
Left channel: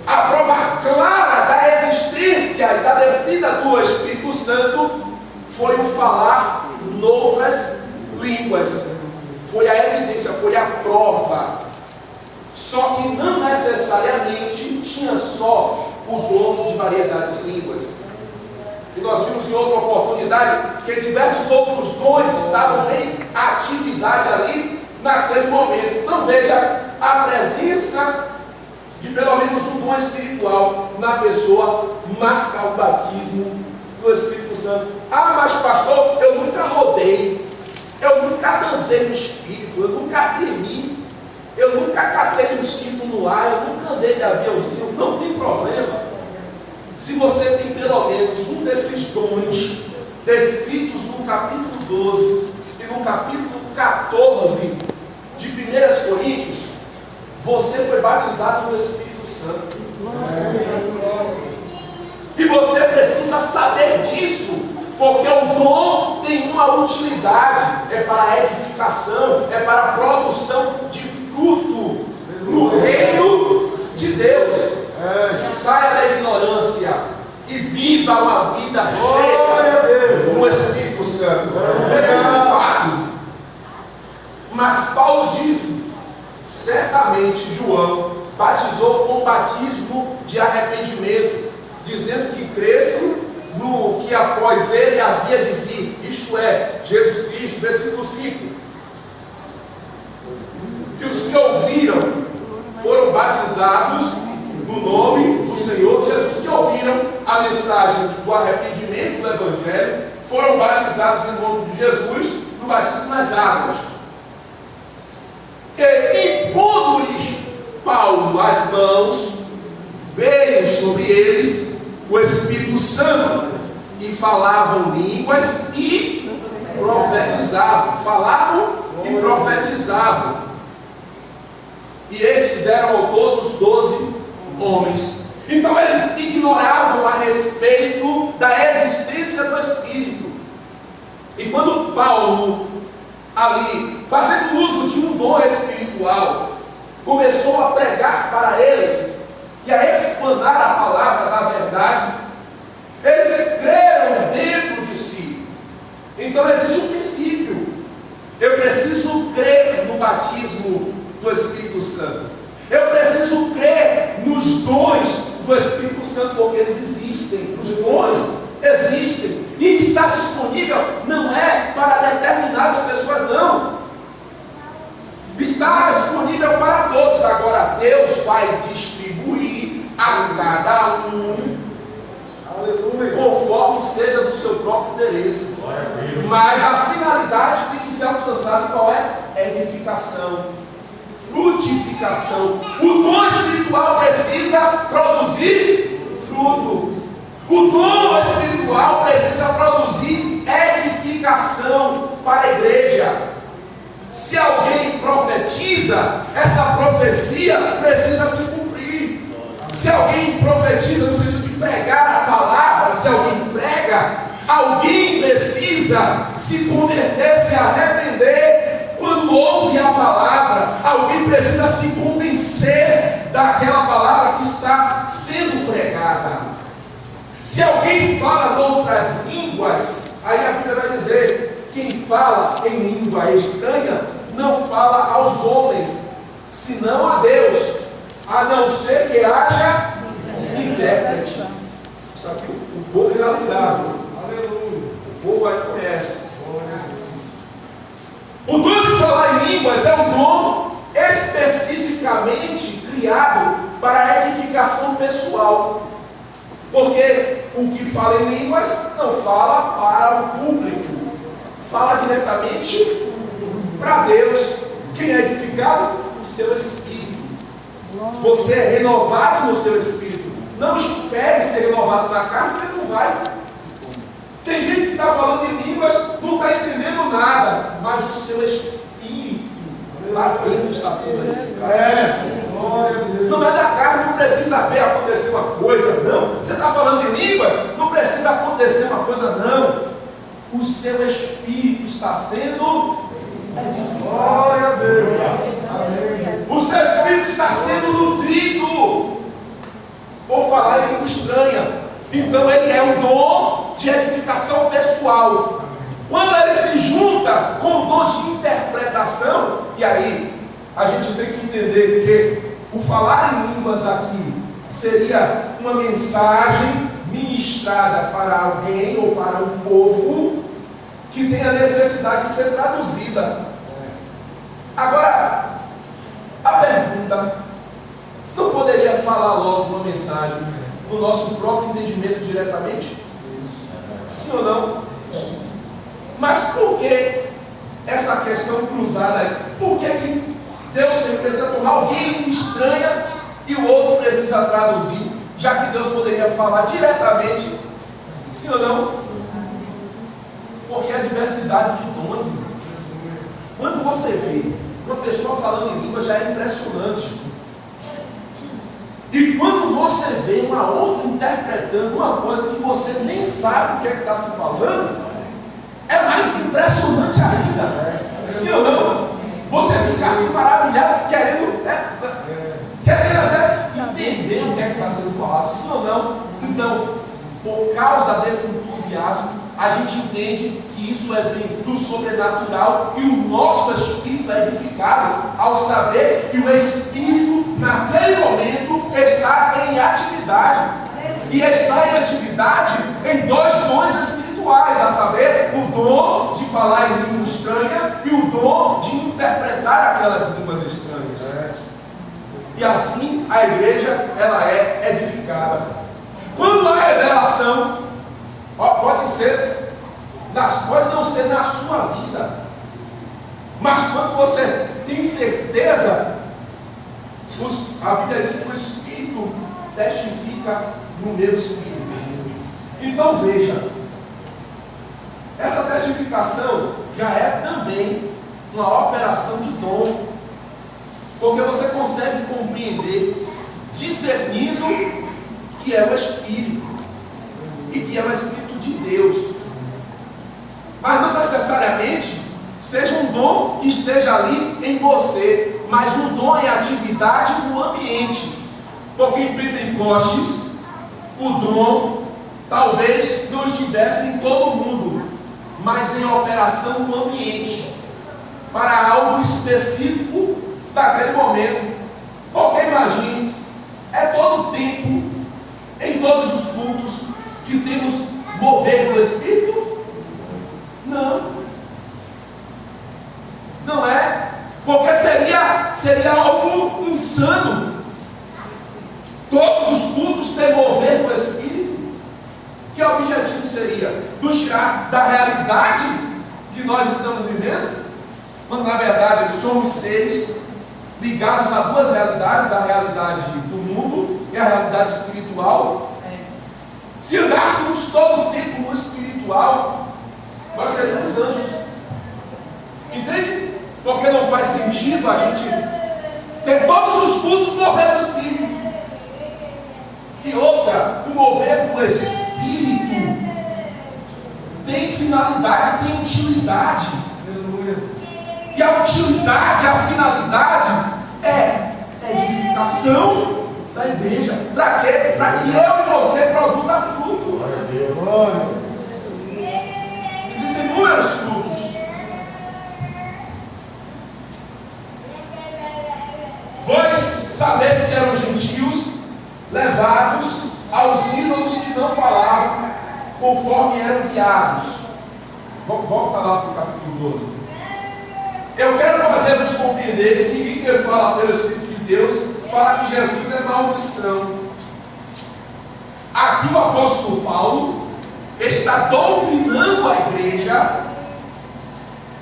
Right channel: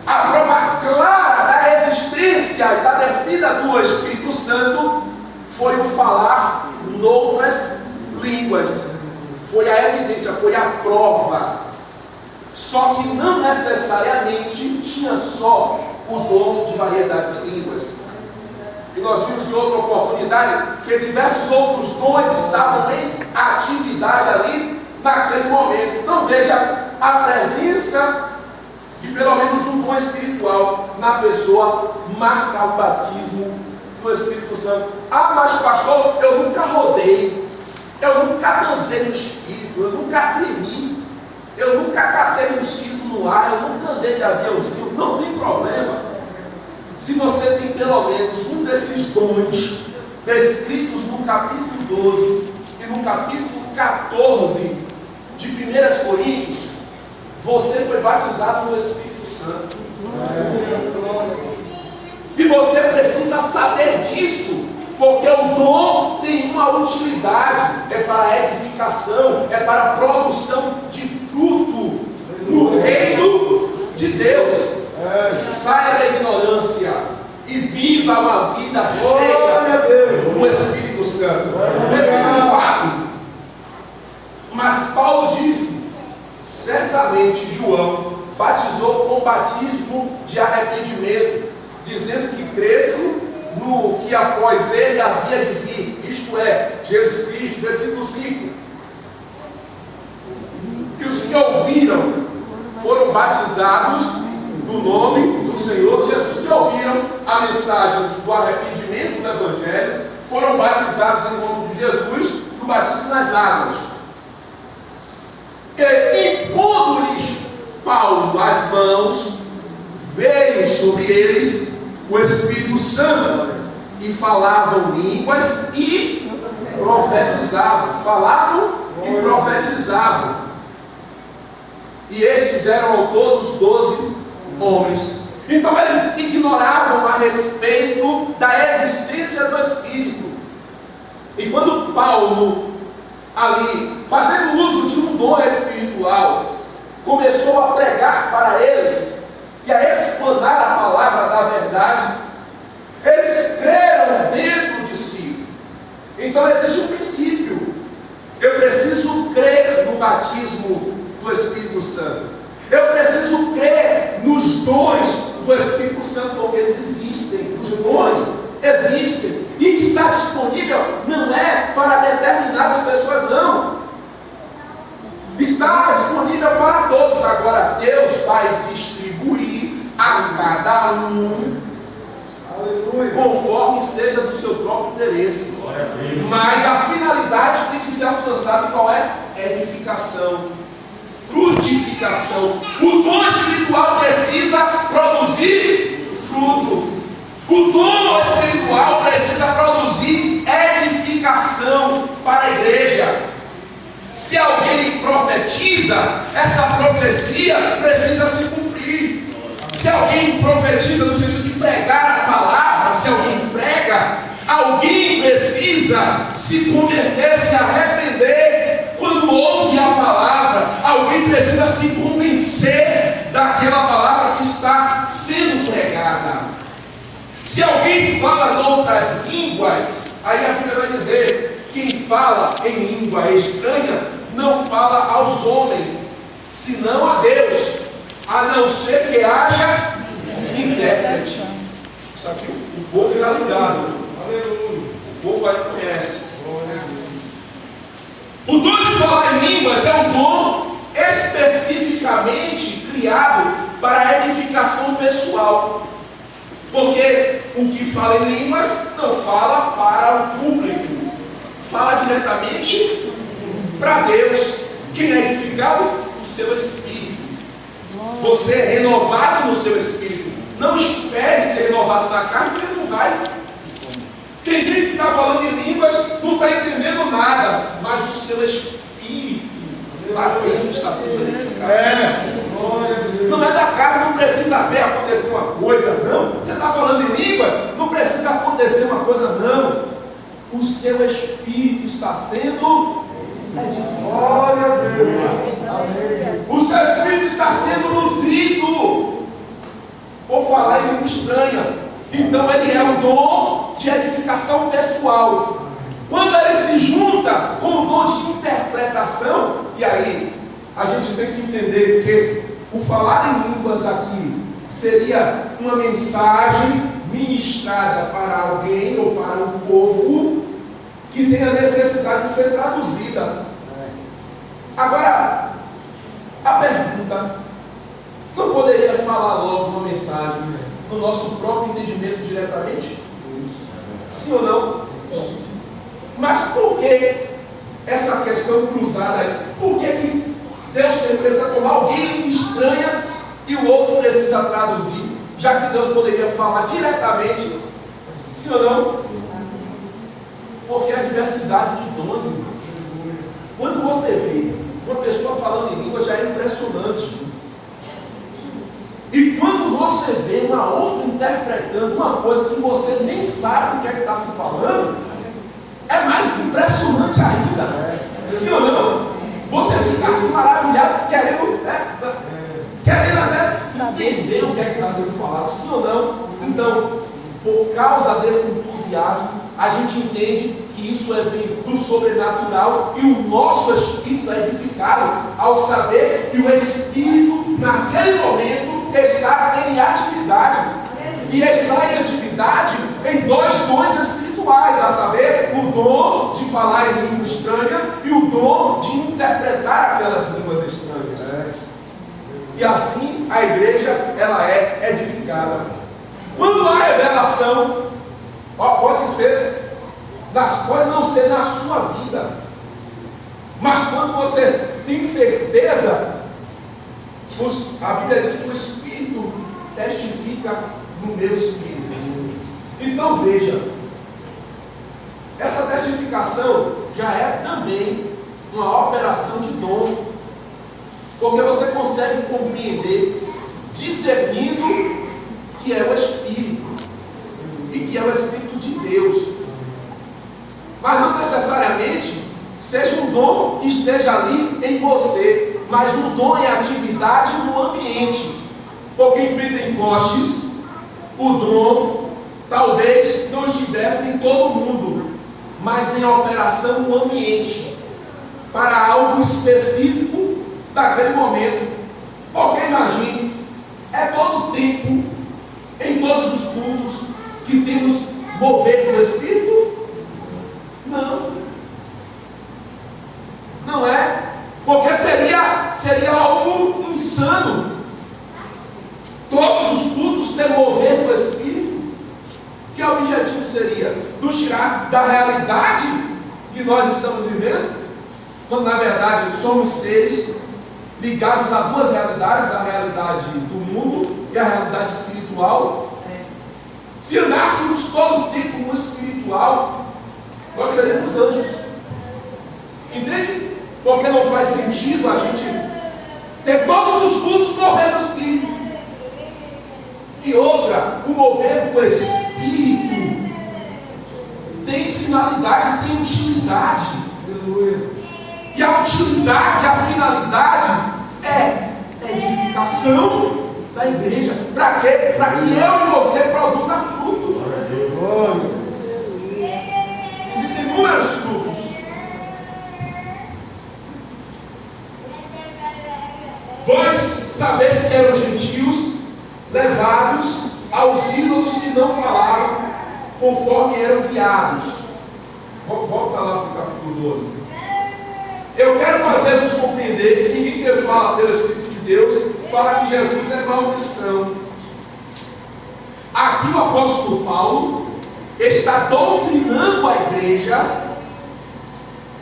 a prova clara da existência e da descida do Espírito Santo, foi o falar novas línguas. Foi a evidência, foi a prova. Só que não necessariamente tinha só o dom de variedade de línguas. E nós vimos em outra oportunidade que diversos outros dons estavam em atividade ali naquele momento. Então veja a presença de pelo menos um dom espiritual na pessoa marca o batismo do Espírito Santo. Ah, mas pastor, eu nunca rodei, eu nunca dancei no Espírito, eu nunca tremi, eu nunca catei um cinto no ar, eu nunca andei de aviãozinho. Não tem problema. Se você tem pelo menos um desses dons descritos no capítulo 12 e no capítulo 14 de 1 Coríntios, você foi batizado no Espírito Santo. E você precisa saber disso, porque o dom tem uma utilidade, é para a edificação, é para a produção de fruto no reino de Deus. Saia da ignorância e viva uma vida cheia do Espírito Santo. Versículo 4. Mas Paulo disse: certamente João batizou com o batismo de arrependimento, dizendo que cresce no que após ele havia de vir, isto é, Jesus Cristo. Versículo 5. Que os que ouviram foram batizados no nome do Senhor Jesus, que ouviram a mensagem do arrependimento do Evangelho, foram batizados em nome de Jesus no batismo nas águas. E impondo-lhes Paulo as mãos, veio sobre eles o Espírito Santo, e falavam línguas e profetizavam. Falavam e profetizavam. E estes eram ao todos 12 homens. Então eles ignoravam a respeito da existência do Espírito. E quando Paulo, ali, fazendo uso de um dom espiritual, começou a pregar para eles e a explanar a palavra da verdade, eles creram dentro de si. Então existe um princípio: eu preciso crer no batismo do Espírito Santo. Eu preciso crer nos dons do Espírito Santo, porque eles existem. Os dons existem e está disponível. Não é para determinadas pessoas, não. Está disponível para todos. Agora Deus vai distribuir a cada um, aleluia, conforme seja do seu próprio interesse. Mas a finalidade tem que ser alcançada. Qual é? Edificação, frutificação. O dom espiritual precisa produzir fruto. O dom espiritual precisa produzir edificação para a igreja. Se alguém profetiza, essa profecia precisa se cumprir. Se alguém profetiza no sentido de pregar a palavra, se alguém prega, alguém precisa se converter, se arrepender. Quando ouve a palavra, alguém precisa se convencer daquela palavra que está sendo pregada. Se alguém fala em outras línguas, aí a Bíblia vai dizer: quem fala em língua estranha não fala aos homens, senão a Deus, a não ser que haja intérprete. Só que o povo está ligado. Aleluia. O povo aí conhece. O dom de falar em línguas é um dom especificamente criado para a edificação pessoal. Porque o que fala em línguas não fala para o público, fala diretamente para Deus. Quem é edificado? O seu espírito. Você é renovado no seu espírito. Não espere ser renovado na carne, porque não vai. Tem gente que está falando em línguas, não está entendendo nada, mas o seu espírito lá dentro está sendo edificado. Não é da carne, não precisa ver acontecer uma coisa, não. Você está falando em língua, não precisa acontecer uma coisa, não. O seu espírito está sendo edificado. Glória a Deus. O seu espírito está sendo nutrido por falar em língua estranha. Então ele é um dom de edificação pessoal. Quando ele se junta com o dom de interpretação, e aí a gente tem que entender que o falar em línguas aqui seria uma mensagem ministrada para alguém ou para um povo que tem a necessidade de ser traduzida. Agora, a pergunta: não poderia falar logo uma mensagem no nosso próprio entendimento diretamente? Sim ou não? Mas por que essa questão cruzada? Por que Deus precisa tomar alguém estranha e o outro precisa traduzir, já que Deus poderia falar diretamente? Sim ou não? Porque a diversidade de dons, irmãos. Quando você vê uma pessoa falando em língua, já é impressionante. E quando você vê uma outra interpretando uma coisa que você nem sabe o que é que está se falando, é mais impressionante ainda. Sim ou não? Você fica assim maravilhado, querendo até entender o que é que está sendo falado. Sim ou não? Então, por causa desse entusiasmo, a gente entende que isso é vindo do sobrenatural e o nosso espírito é edificado ao saber que o espírito, naquele momento, está em atividade. E está em atividade em dois dons espirituais, a saber, o dom de falar em língua estranha e o dom de interpretar aquelas línguas estranhas. E assim a igreja, ela é edificada. Quando há revelação, pode não ser na sua vida, mas quando você tem certeza, a Bíblia diz que o Espírito testifica no meu espírito. Então veja, essa testificação já é também uma operação de dom, porque você consegue compreender, discernindo que é o Espírito e que é o Espírito de Deus. Mas não necessariamente seja um dom que esteja ali em você, mas um dom em atividade no ambiente. Porque em Pentecostes, o dom talvez não estivesse em todo mundo, mas em operação no ambiente, para algo específico daquele momento. Porque imagine, é todo o tempo, em todos os cultos, que temos mover do Espírito? Não. Não é. Porque seria seria algo insano. Todos os cultos ter mover do Espírito. Que objetivo seria? Nos tirar da realidade que nós estamos vivendo, quando na verdade somos seres ligados a duas realidades, a realidade do mundo e a realidade espiritual. Se andássemos todo o tempo no espiritual, nós seríamos anjos. Entende? Porque não faz sentido a gente ter todos os cultos mover do Espírito. E outra, o mover do Espírito tem finalidade, tem utilidade. E a utilidade, a finalidade é edificação da igreja. Para quê? Para que eu e você produza fruto. Existem inúmeros frutos. Vós sabes que eram gentios, levados aos ídolos que não falavam, conforme eram guiados. Volta lá para o capítulo 12. Eu quero fazer-vos compreender que ninguém que fala pelo Espírito de Deus fala que Jesus é maldição. Aqui o apóstolo Paulo está doutrinando a igreja,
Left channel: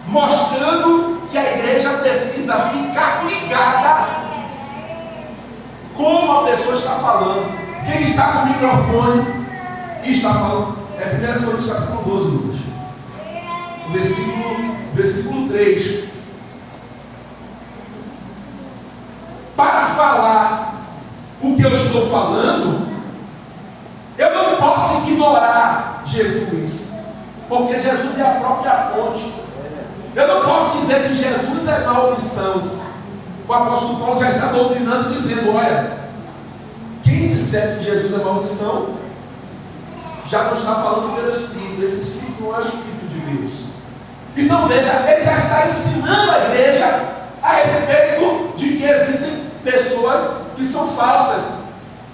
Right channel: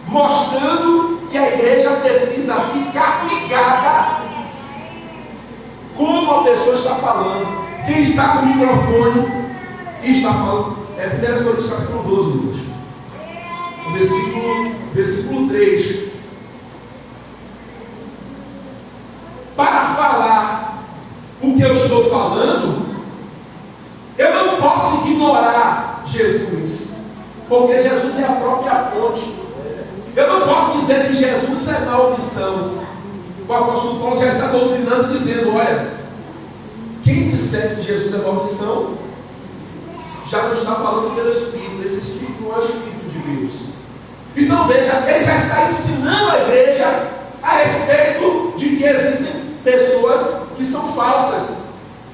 mostrando que a igreja precisa ficar ligada como a pessoa está falando. Quem está com o microfone e está falando, é 1 Coríntios capítulo 12, Lucas. Versículo 3. Para falar o que eu estou falando, eu não posso ignorar Jesus, porque Jesus é a própria fonte. Eu não posso dizer que Jesus é maldição. O apóstolo Paulo já está doutrinando, dizendo: olha, quem disser que Jesus é maldição, já não está falando pelo Espírito. Esse Espírito não é o Espírito de Deus. Então veja, ele já está ensinando a igreja a respeito de que existem pessoas que são falsas.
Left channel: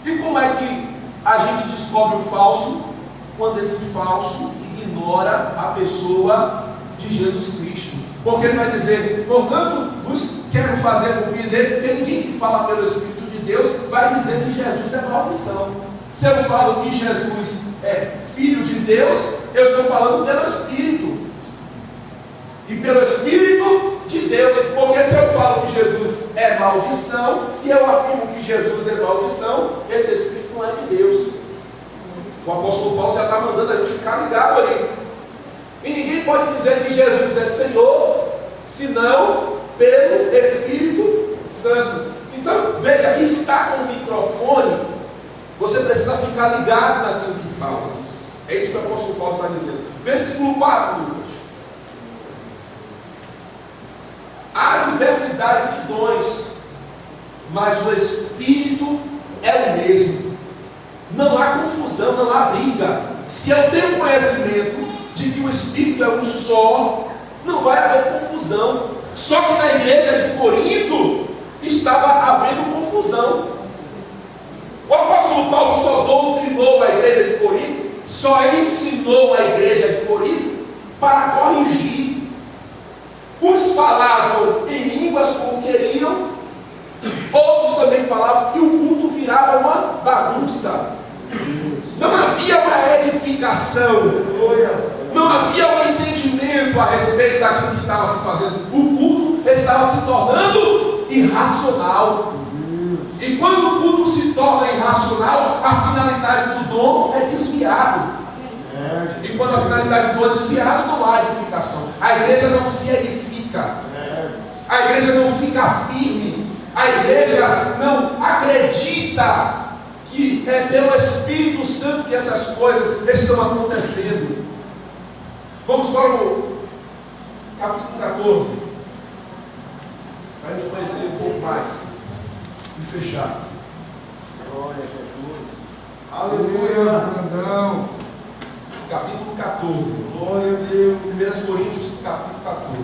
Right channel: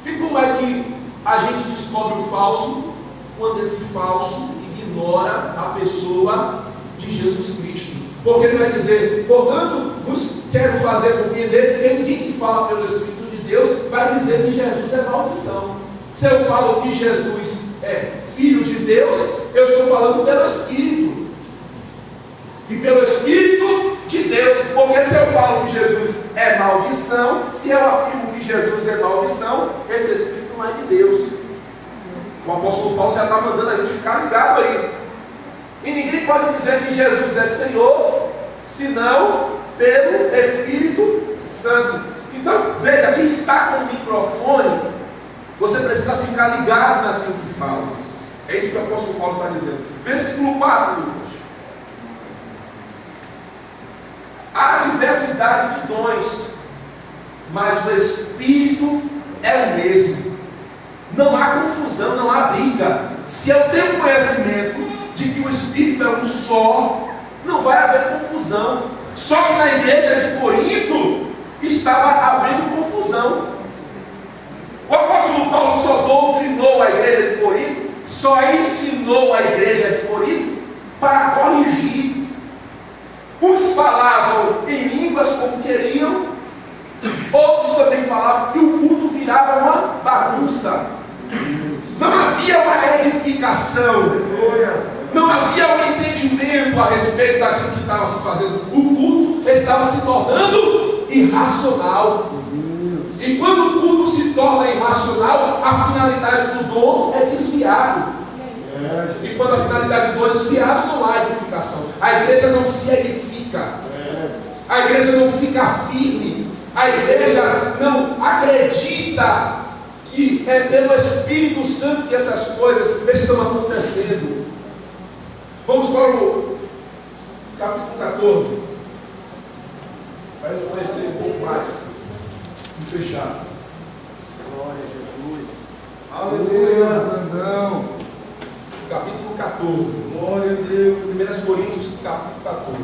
E como é que a gente descobre o falso? Quando esse falso ignora a pessoa de Jesus Cristo. Porque ele vai dizer: portanto, vos quero fazer compreender, porque ninguém que fala pelo Espírito de Deus vai dizer que Jesus é maldição. Se eu falo que Jesus é Filho de Deus, eu estou falando pelo Espírito. E pelo Espírito de Deus. Porque se eu falo que Jesus é maldição, se eu afirmo que Jesus é maldição, esse Espírito não é de Deus. O apóstolo Paulo já está mandando a gente ficar ligado aí. E ninguém pode dizer que Jesus é Senhor, senão pelo Espírito Santo. Então, veja, quem está com o microfone, você precisa ficar ligado naquilo que fala. É isso que o apóstolo Paulo está dizendo. Versículo 4, Lucas. Há diversidade de dons, mas o Espírito é o mesmo. Não há confusão, não há briga. Se eu tenho conhecimento de que o Espírito é um só, não vai haver confusão. Só que na igreja de Corinto estava havendo confusão. O apóstolo Paulo só doutrinou a igreja de Corinto, só ensinou a igreja de Corinto para corrigir. Uns falavam em línguas como queriam, outros também falavam, e o culto virava uma bagunça. Não havia uma edificação, não havia um entendimento a respeito daquilo que estava se fazendo. O culto estava se tornando irracional. E quando o culto se torna irracional, a finalidade do dom é desviado. E quando a finalidade do dom é desviado, não há edificação. A igreja não se edifica. A igreja não fica firme. A igreja não acredita que é pelo Espírito Santo que essas coisas estão acontecendo. Vamos para o capítulo 14, para a gente conhecer um pouco mais e fechar. Glória a Jesus. Aleluia, Brandão. Capítulo 14. Glória a Deus. 1 Coríntios, capítulo 14.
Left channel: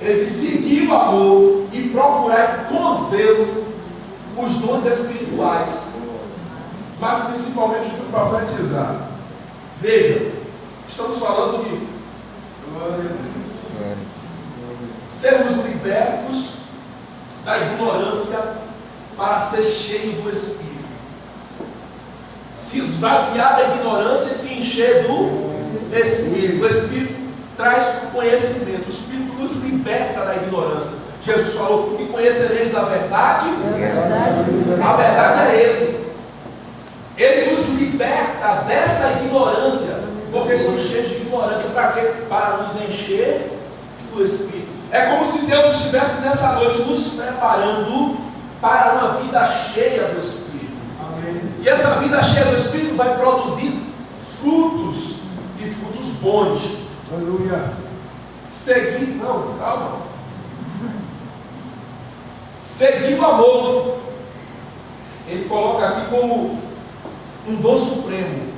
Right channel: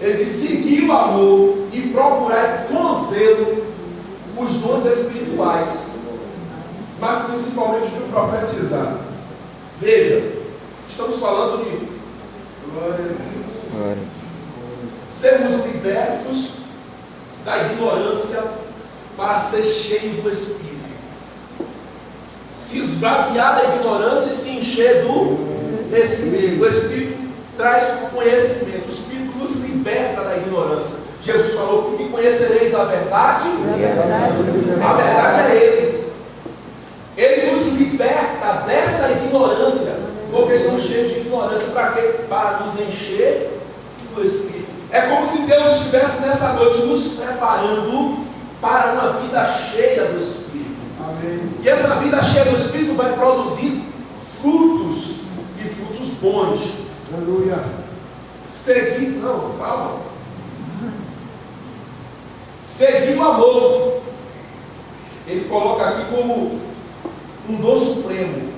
Ele seguiu o amor e procurar com zelo os dons espirituais, mas principalmente o profetizar. Veja, estamos falando de Glória a Deus. sermos libertos da ignorância para ser cheio do Espírito. Se esvaziar da ignorância e se encher do Espírito. O Espírito traz conhecimento. O Espírito nos liberta da ignorância. Jesus falou: "E conhecereis a verdade". A verdade é Ele. Ele nos liberta dessa ignorância, porque estamos cheios de ignorância. Para quê? Para nos encher do Espírito. É como se Deus estivesse nessa noite nos preparando para uma vida cheia do Espírito. Amém. E essa vida cheia do Espírito vai produzir frutos, e frutos bons. Aleluia. Seguir, não, calma. Seguir o amor. Ele coloca aqui como um dom supremo,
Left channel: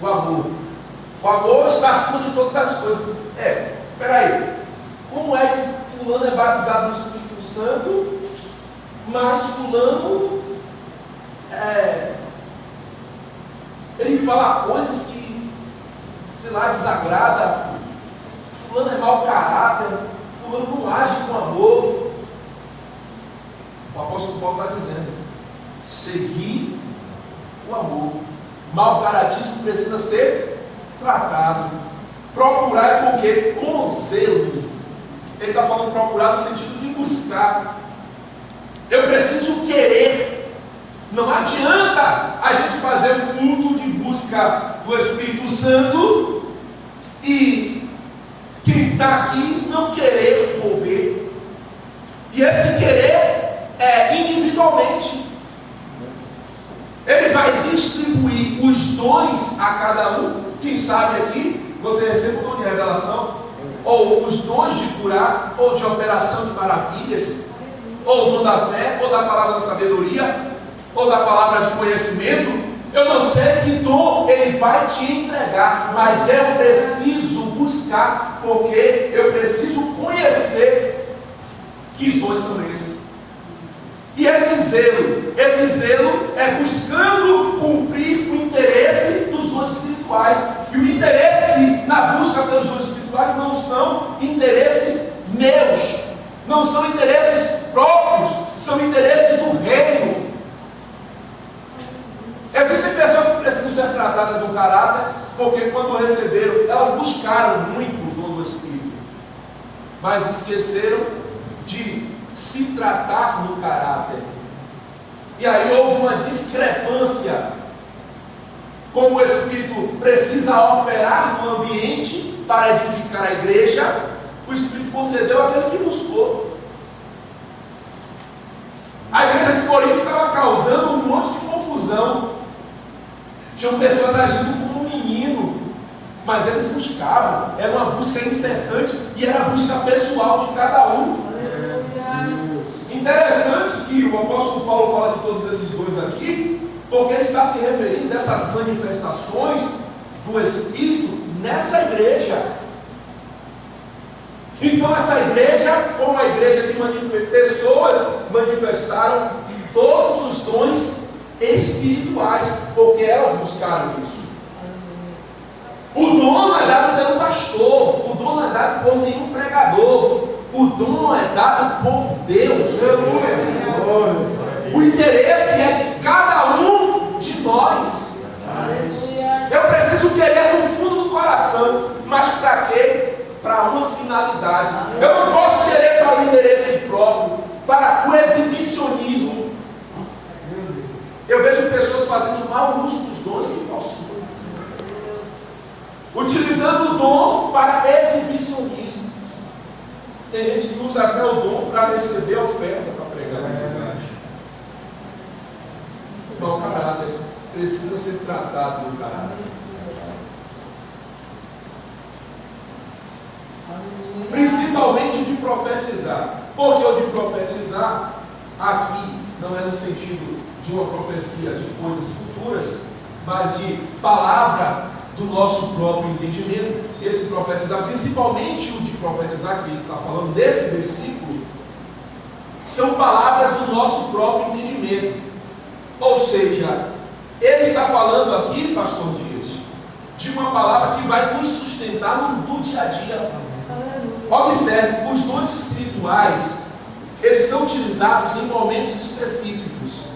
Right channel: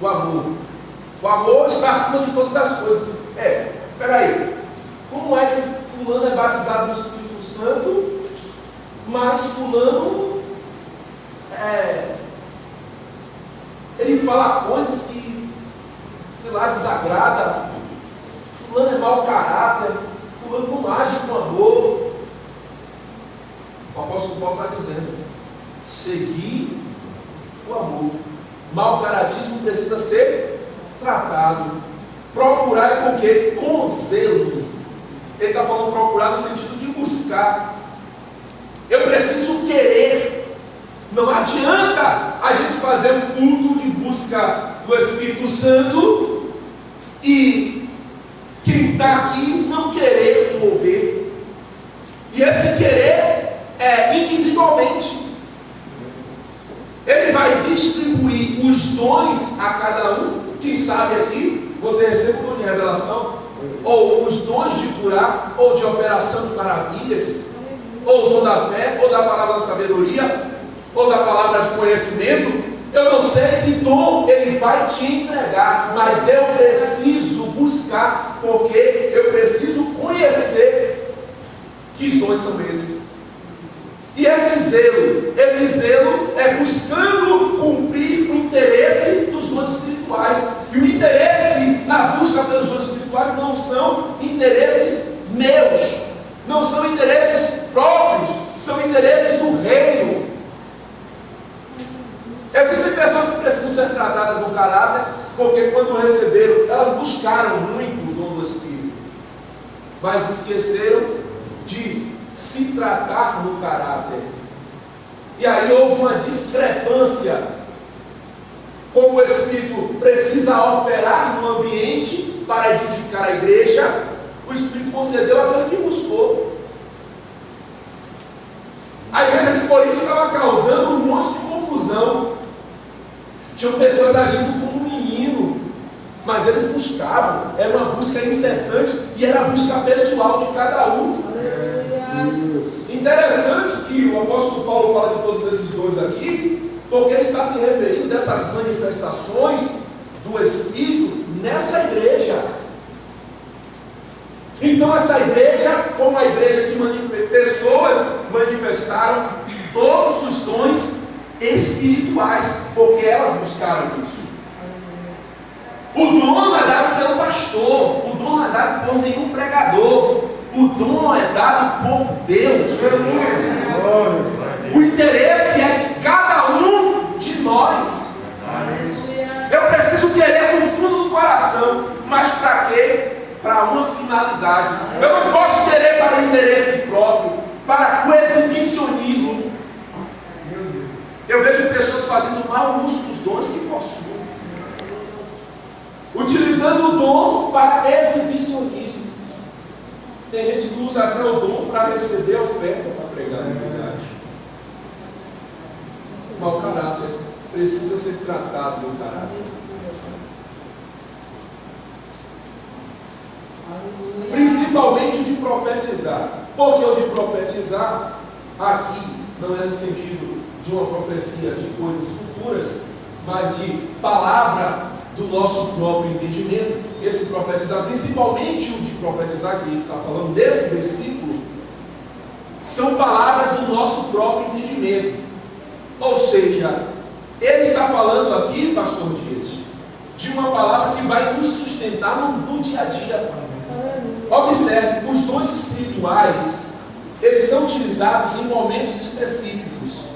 o amor. O amor está acima de todas as coisas. Peraí, como é que fulano é batizado no Espírito Santo, mas fulano ele fala coisas que, sei lá, desagrada, fulano é mau caráter, fulano não age com amor. O apóstolo Paulo está dizendo: seguir o amor. Mau caratismo precisa ser tratado. Procurar com o quê? Com zelo. Ele está falando procurar no sentido de buscar. Eu preciso querer. Não adianta a gente fazer um culto de busca do Espírito Santo e quem está aqui não querer mover. E esse querer é individualmente. Ele vai distribuir os dons a cada um. Quem sabe aqui você recebe o dom de revelação, ou os dons de curar, ou de operação de maravilhas, ou o dom da fé, ou da palavra da sabedoria, ou da palavra de conhecimento. Eu não sei que dom ele vai te entregar, mas eu preciso buscar, porque eu preciso conhecer que os dons são esses. E esse zelo é buscando cumprir o interesse dos dons espirituais. E o interesse na busca pelos dons espirituais não são interesses meus, não são interesses próprios, são interesses do reino. Existem pessoas que precisam ser tratadas no caráter, porque quando receberam, elas buscaram muito o dom do Espírito, mas esqueceram de se tratar no caráter. E aí houve uma discrepância. Como o Espírito precisa operar no ambiente para edificar a igreja, o Espírito concedeu aquele que buscou. A igreja de Corinto estava causando um monte de confusão. Tinham pessoas agindo como um menino, mas eles buscavam. Era uma busca incessante e era a busca pessoal de cada um. Interessante que o apóstolo Paulo fala de todos esses dons aqui, porque ele está se referindo dessas manifestações do Espírito nessa igreja. Então essa igreja foi uma igreja que pessoas manifestaram todos os dons espirituais, porque elas buscaram isso. O dom não é dado pelo pastor, o dom não é dado por nenhum pregador, o dom é dado por Deus. O interesse é de cada um de nós. Eu preciso querer no fundo do coração, mas para quê? Para uma finalidade. Eu não posso querer para interesse próprio, para o exibicionismo. Eu vejo pessoas fazendo mau uso dos dons que possuem, utilizando o dom para exibicionismo. Tem gente que usa até o dom para receber oferta, para pregar na verdade. Mau caráter precisa ser tratado no caráter. Principalmente o de profetizar. Porque o de profetizar aqui não é no sentido de uma profecia de coisas futuras, mas de palavra do nosso próprio entendimento. Esse profetizar, principalmente o de profetizar, que ele está falando desse versículo, são palavras do nosso próprio entendimento. Ou seja, ele está falando aqui, pastor Dias, de uma palavra que vai nos sustentar no dia a dia. Observe, os dons espirituais, eles são utilizados em momentos específicos.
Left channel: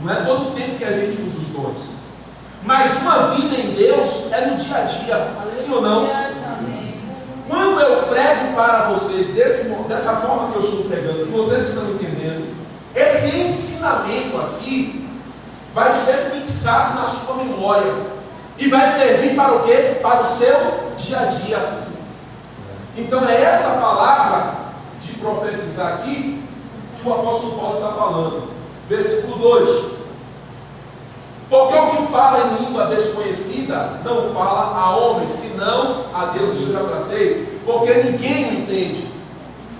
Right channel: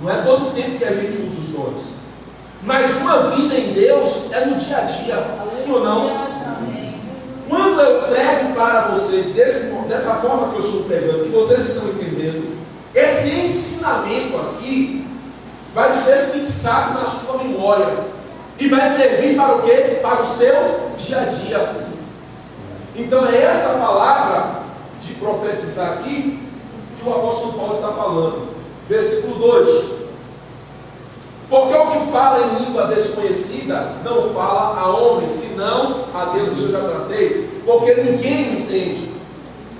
Não é todo o tempo que a gente usa os dons. Mas uma vida em Deus é no dia a dia, sim ou não? Quando eu prego para vocês dessa forma que eu estou pregando, que vocês estão entendendo, esse ensinamento aqui vai ser fixado na sua memória e vai servir para o quê? Para o seu dia a dia. Então é essa palavra de profetizar aqui que o apóstolo Paulo está falando. Versículo 2. Porque o que fala em língua desconhecida não fala a homens, senão a Deus. Isso eu já tratei. Porque ninguém o entende.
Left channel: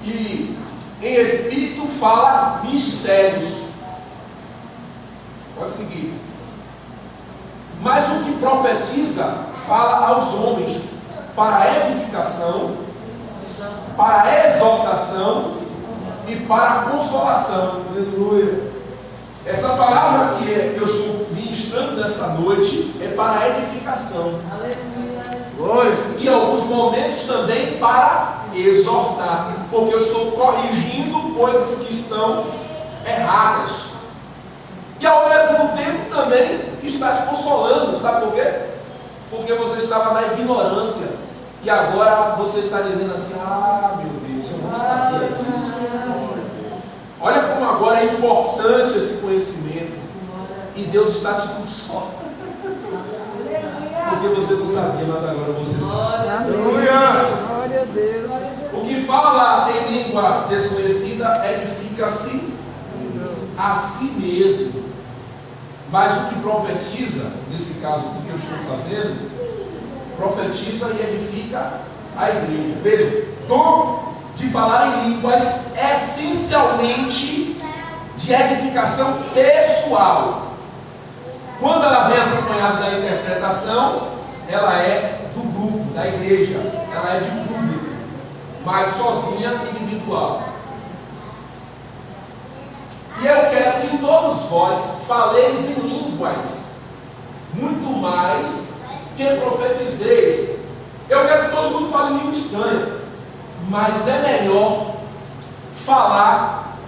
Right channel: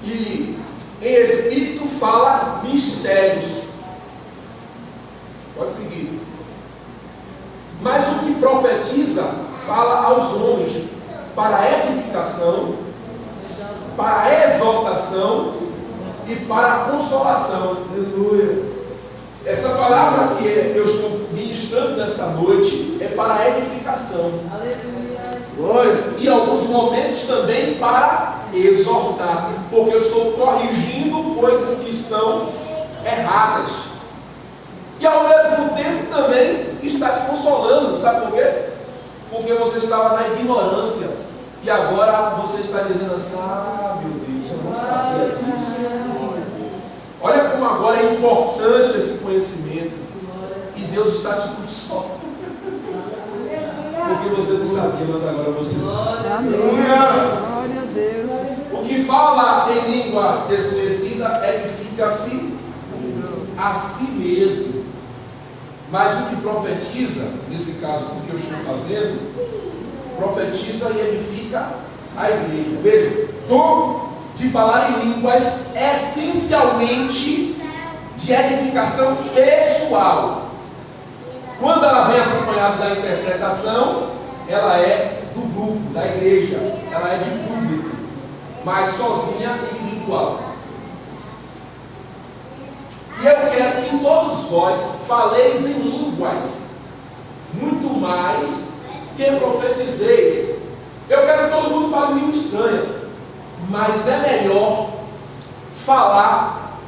E em espírito fala mistérios. Pode seguir. Mas o que profetiza fala aos homens para a edificação, para a exortação e para a consolação. Aleluia. Essa palavra que eu estou ministrando nessa noite é para a edificação. Glória. E em alguns momentos também para exortar, porque eu estou corrigindo coisas que estão erradas. E ao mesmo tempo também está te consolando. Sabe por quê? Porque você estava na ignorância e agora você está dizendo assim: ah, meu Deus, eu não sabia disso. Olha como agora é importante esse conhecimento. E Deus está te consolando. Porque você não sabia, mas agora você sabe. Aleluia. Glória a Deus. O que fala em língua desconhecida edifica-se a si mesmo. Mas o que profetiza, nesse caso do que eu estou fazendo, profetiza e edifica a igreja. Veja, dom de falar em línguas essencialmente de edificação pessoal. Quando ela vem acompanhada da interpretação, ela é do grupo, da igreja, ela é de público, mas sozinha, individual. E eu quero que todos vós faleis em línguas, muito mais que profetizeis. Eu quero que todo mundo fale em língua estranha, mas é melhor falar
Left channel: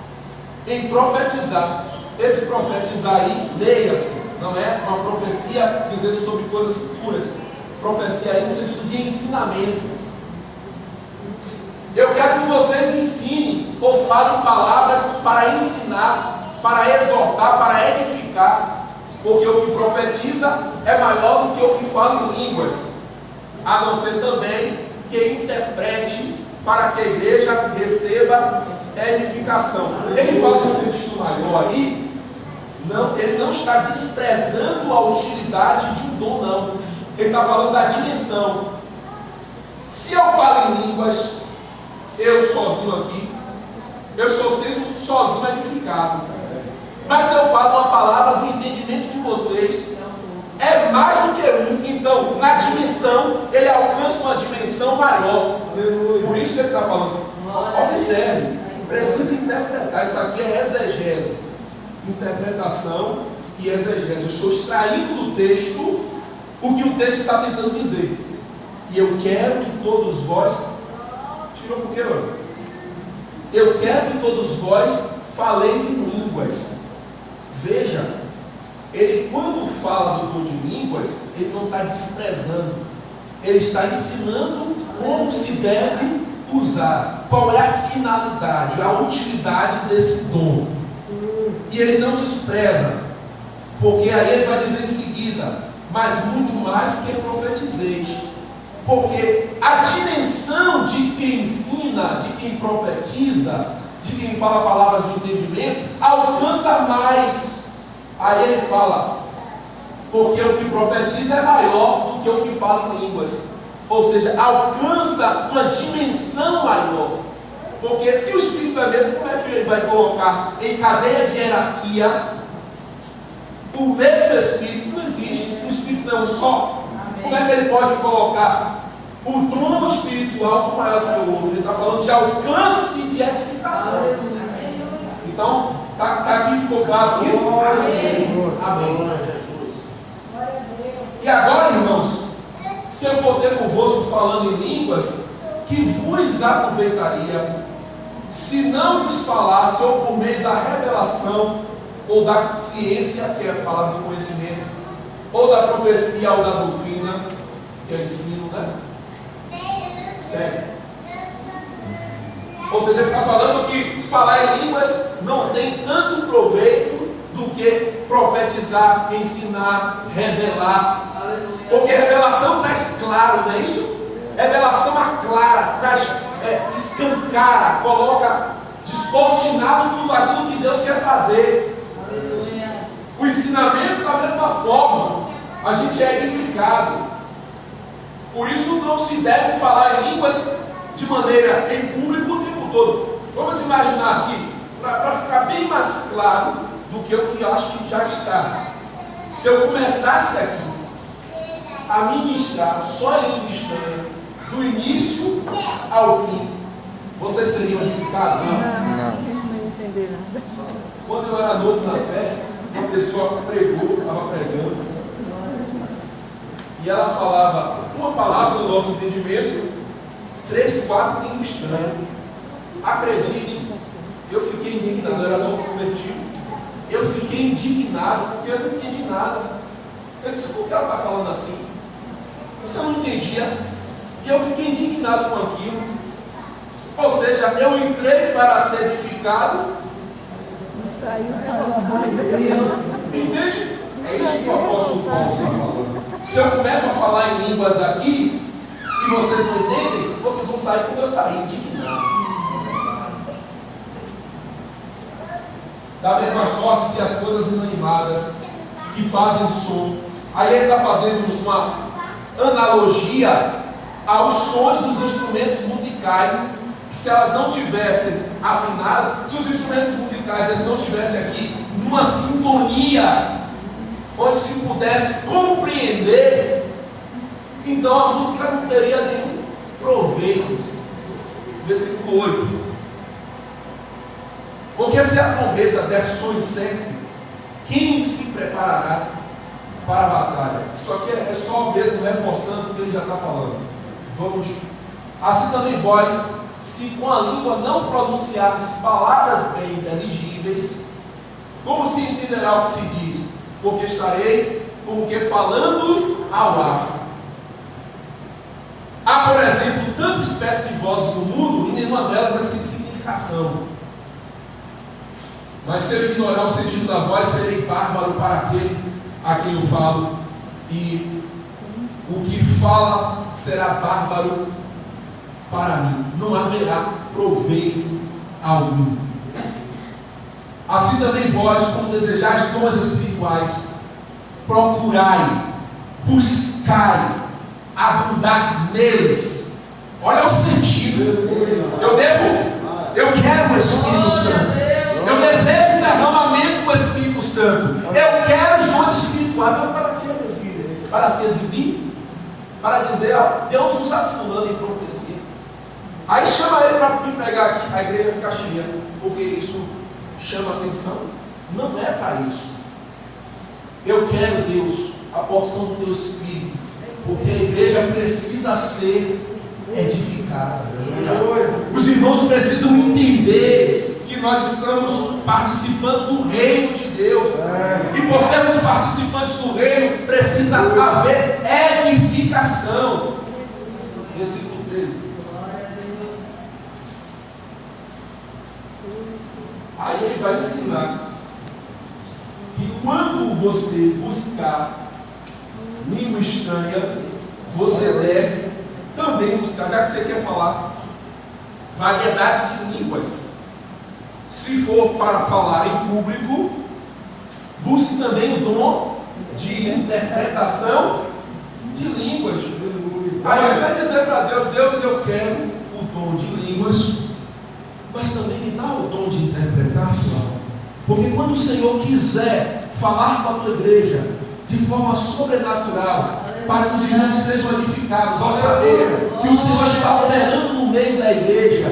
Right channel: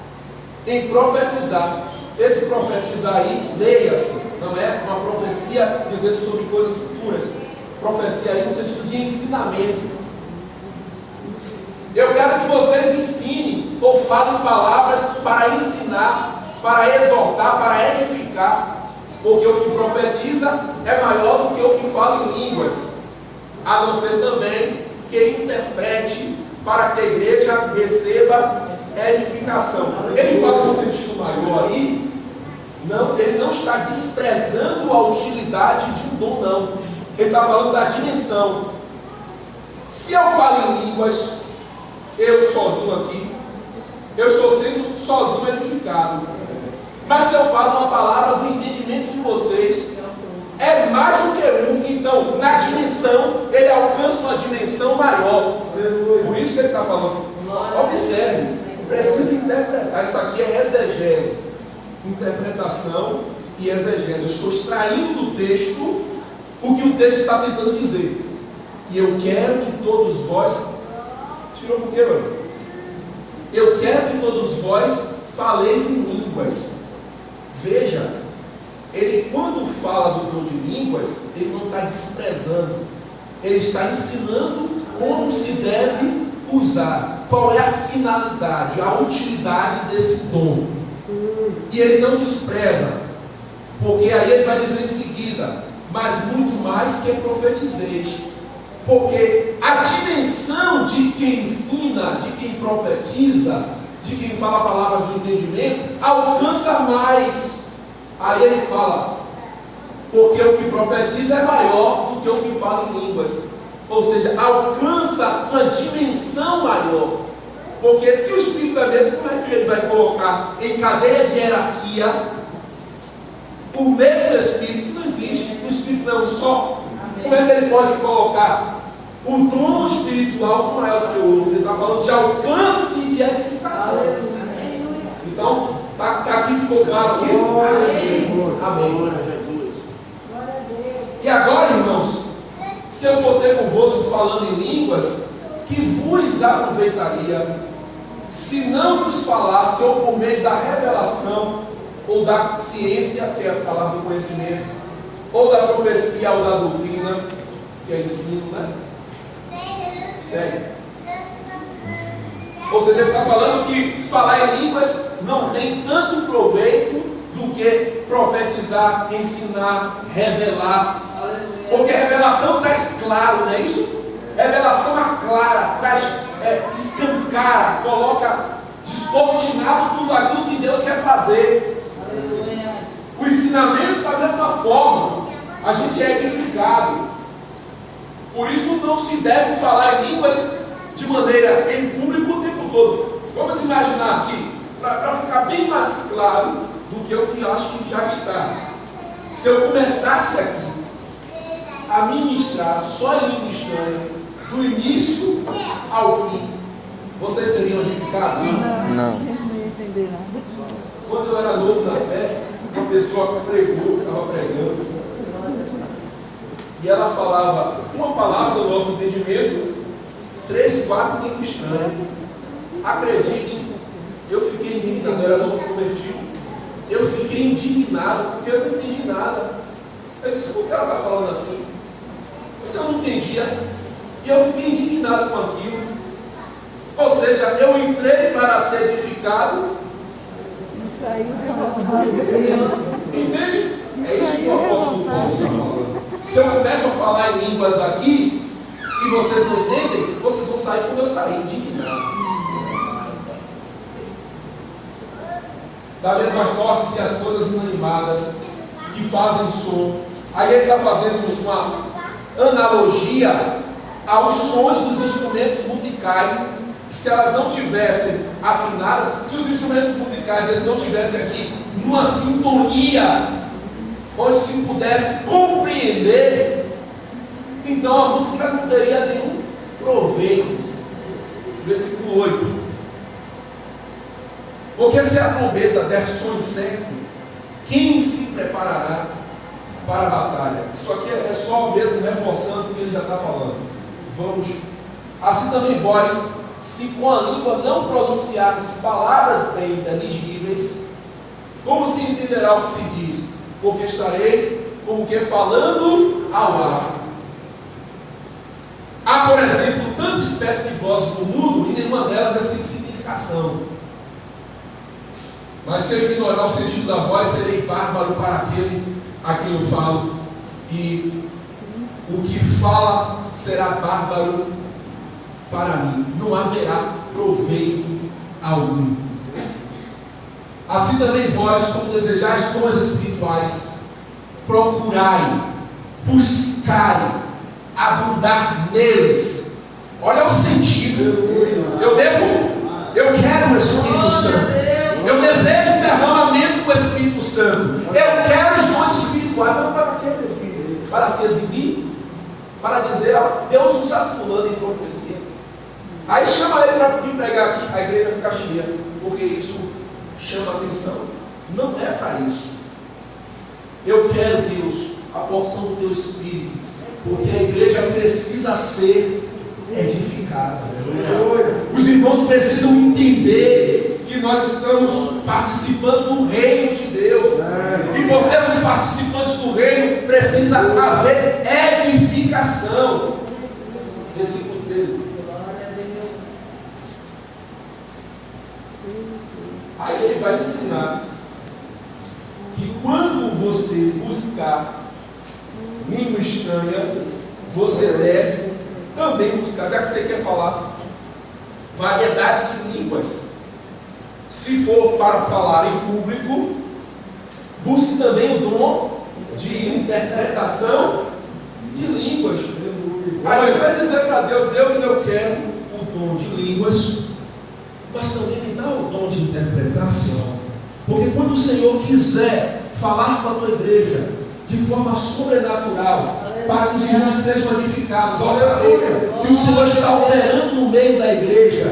em profetizar. Esse profetizar aí, leia-se, não é uma profecia dizendo sobre coisas futuras. Profecia aí no sentido de ensinamento. Eu quero que vocês ensinem ou falem palavras para ensinar, para exortar, para edificar. Porque o que profetiza é maior do que o que fala em línguas. A não ser também que interprete para que a igreja receba edificação. Ele fala no sentido maior aí. Não, ele não está desprezando a utilidade de um dom, não. Ele está falando da dimensão. Se eu falo em línguas, eu sozinho aqui, eu estou sendo sozinho edificado. Mas se eu falo uma palavra do entendimento de vocês, é mais do que um. Então, na dimensão, ele alcança uma dimensão maior. Por isso que ele está falando. Observe, precisa interpretar. Isso aqui é exegese. Interpretação e exegese. Eu estou extraindo do texto o que o texto está tentando dizer. E eu quero que todos vós... Tirou por quê, mano? Eu quero que todos vós faleis em línguas. Veja, ele quando fala do dom de línguas, ele não está desprezando. Ele está ensinando como se deve usar. Qual é a finalidade, a utilidade desse dom. E ele não despreza, porque aí ele vai dizer em seguida: mas muito mais que profetizeis. Porque a dimensão de quem ensina, de quem profetiza, de quem fala palavras do entendimento, alcança mais. Aí ele fala: porque o que profetiza é maior do que o que fala em línguas. Ou seja, alcança uma dimensão maior. Porque se o Espírito é mesmo, como é que ele vai colocar em cadeia de hierarquia o mesmo Espírito? Não existe. O Espírito não é um só. Como é que ele pode colocar o dom espiritual maior do que o outro? Ele está falando de alcance de edificação. Então, aqui ficou claro que? Amém. E agora, irmãos, se eu for ter convosco falando em línguas, que vos aproveitaria? se não vos falasse ou por meio da revelação, ou da ciência, que é a palavra do conhecimento, ou da profecia, ou da doutrina, que é ensino, né? Sério. Ou seja, ele está falando que falar em línguas não tem tanto proveito do que profetizar, ensinar, revelar. Porque revelação traz claro, não é isso? Revelação aclara, traz, escancara, coloca descortinado tudo aquilo que Deus quer fazer. O ensinamento, da mesma forma, a gente é edificado. Por isso não se deve falar em línguas de maneira em público o tempo todo. Vamos imaginar aqui, para ficar bem mais claro do que o que eu acho que já está. Se eu começasse aqui a ministrar só em língua estranha, do início ao fim, vocês seriam edificados? Não entendi nada. Quando eu era novo na fé, uma pessoa pregou, estava pregando, e ela falava uma palavra do nosso entendimento, 3, 4 línguas estranhas. Acredite, eu fiquei indignado, eu era novo convertido, eu fiquei indignado porque eu não entendi nada. Eu disse, por que ela está falando assim? Mas eu não entendia, e eu fiquei indignado com aquilo. Ou seja, eu entrei para ser edificado. Não saiu. Entende? É isso que o apóstolo Paulo está falando. Se eu começo a falar em línguas aqui e vocês não entendem, vocês vão sair quando eu sair indignado. Da mesma sorte, se as coisas inanimadas que fazem som, aí ele está fazendo uma analogia aos sons dos instrumentos musicais, que se elas não tivessem afinadas, se os instrumentos musicais eles não estivessem aqui numa sintonia onde se pudesse compreender, então a música não teria nenhum proveito. Versículo 8. Porque se a trombeta der som sempre, quem se preparará para a batalha? Isso aqui é só mesmo reforçando o que ele já está falando. Vamos. Assim também vós, se com a língua não pronunciardes palavras bem inteligíveis, como se entenderá o que se diz? Porque estarei como que falando ao ar. Há, por exemplo, tanta espécie de vozes no mundo e nenhuma delas é sem significação. Mas se eu ignorar o sentido da voz, serei bárbaro para aquele a quem eu falo, e o que fala será bárbaro para mim. Não haverá proveito algum. Assim também vós, como desejais dons espirituais, procurai, buscai, abundar neles. Olha o sentido. Eu quero o Espírito Santo. Eu desejo o derramamento do Espírito Santo. Eu quero os dons espirituais. Mas para quê, meu filho? Para se exibir? Para dizer, ó, Deus usa fulano em profecia. Aí chama ele para vir pregar aqui, a igreja fica cheia, porque isso chama atenção. Não é para isso. Eu quero, Deus, a porção do teu Espírito, porque a igreja precisa ser edificada. Os irmãos precisam entender que nós estamos participando do reino de Deus. E por sermos participantes do reino, precisa haver edificação. Versículo 13. Aí ele vai ensinar que quando você buscar língua estranha, você deve também buscar, já que você quer falar variedade de línguas. Se for para falar em público, busque também o dom de interpretação de línguas. Aí você vai dizer para Deus, Deus, eu quero o dom de línguas, mas também me dá o dom de interpretação. Porque quando o Senhor quiser falar para a tua igreja de forma sobrenatural, para que os irmãos sejam edificados, ao saber que o Senhor está operando no meio da igreja,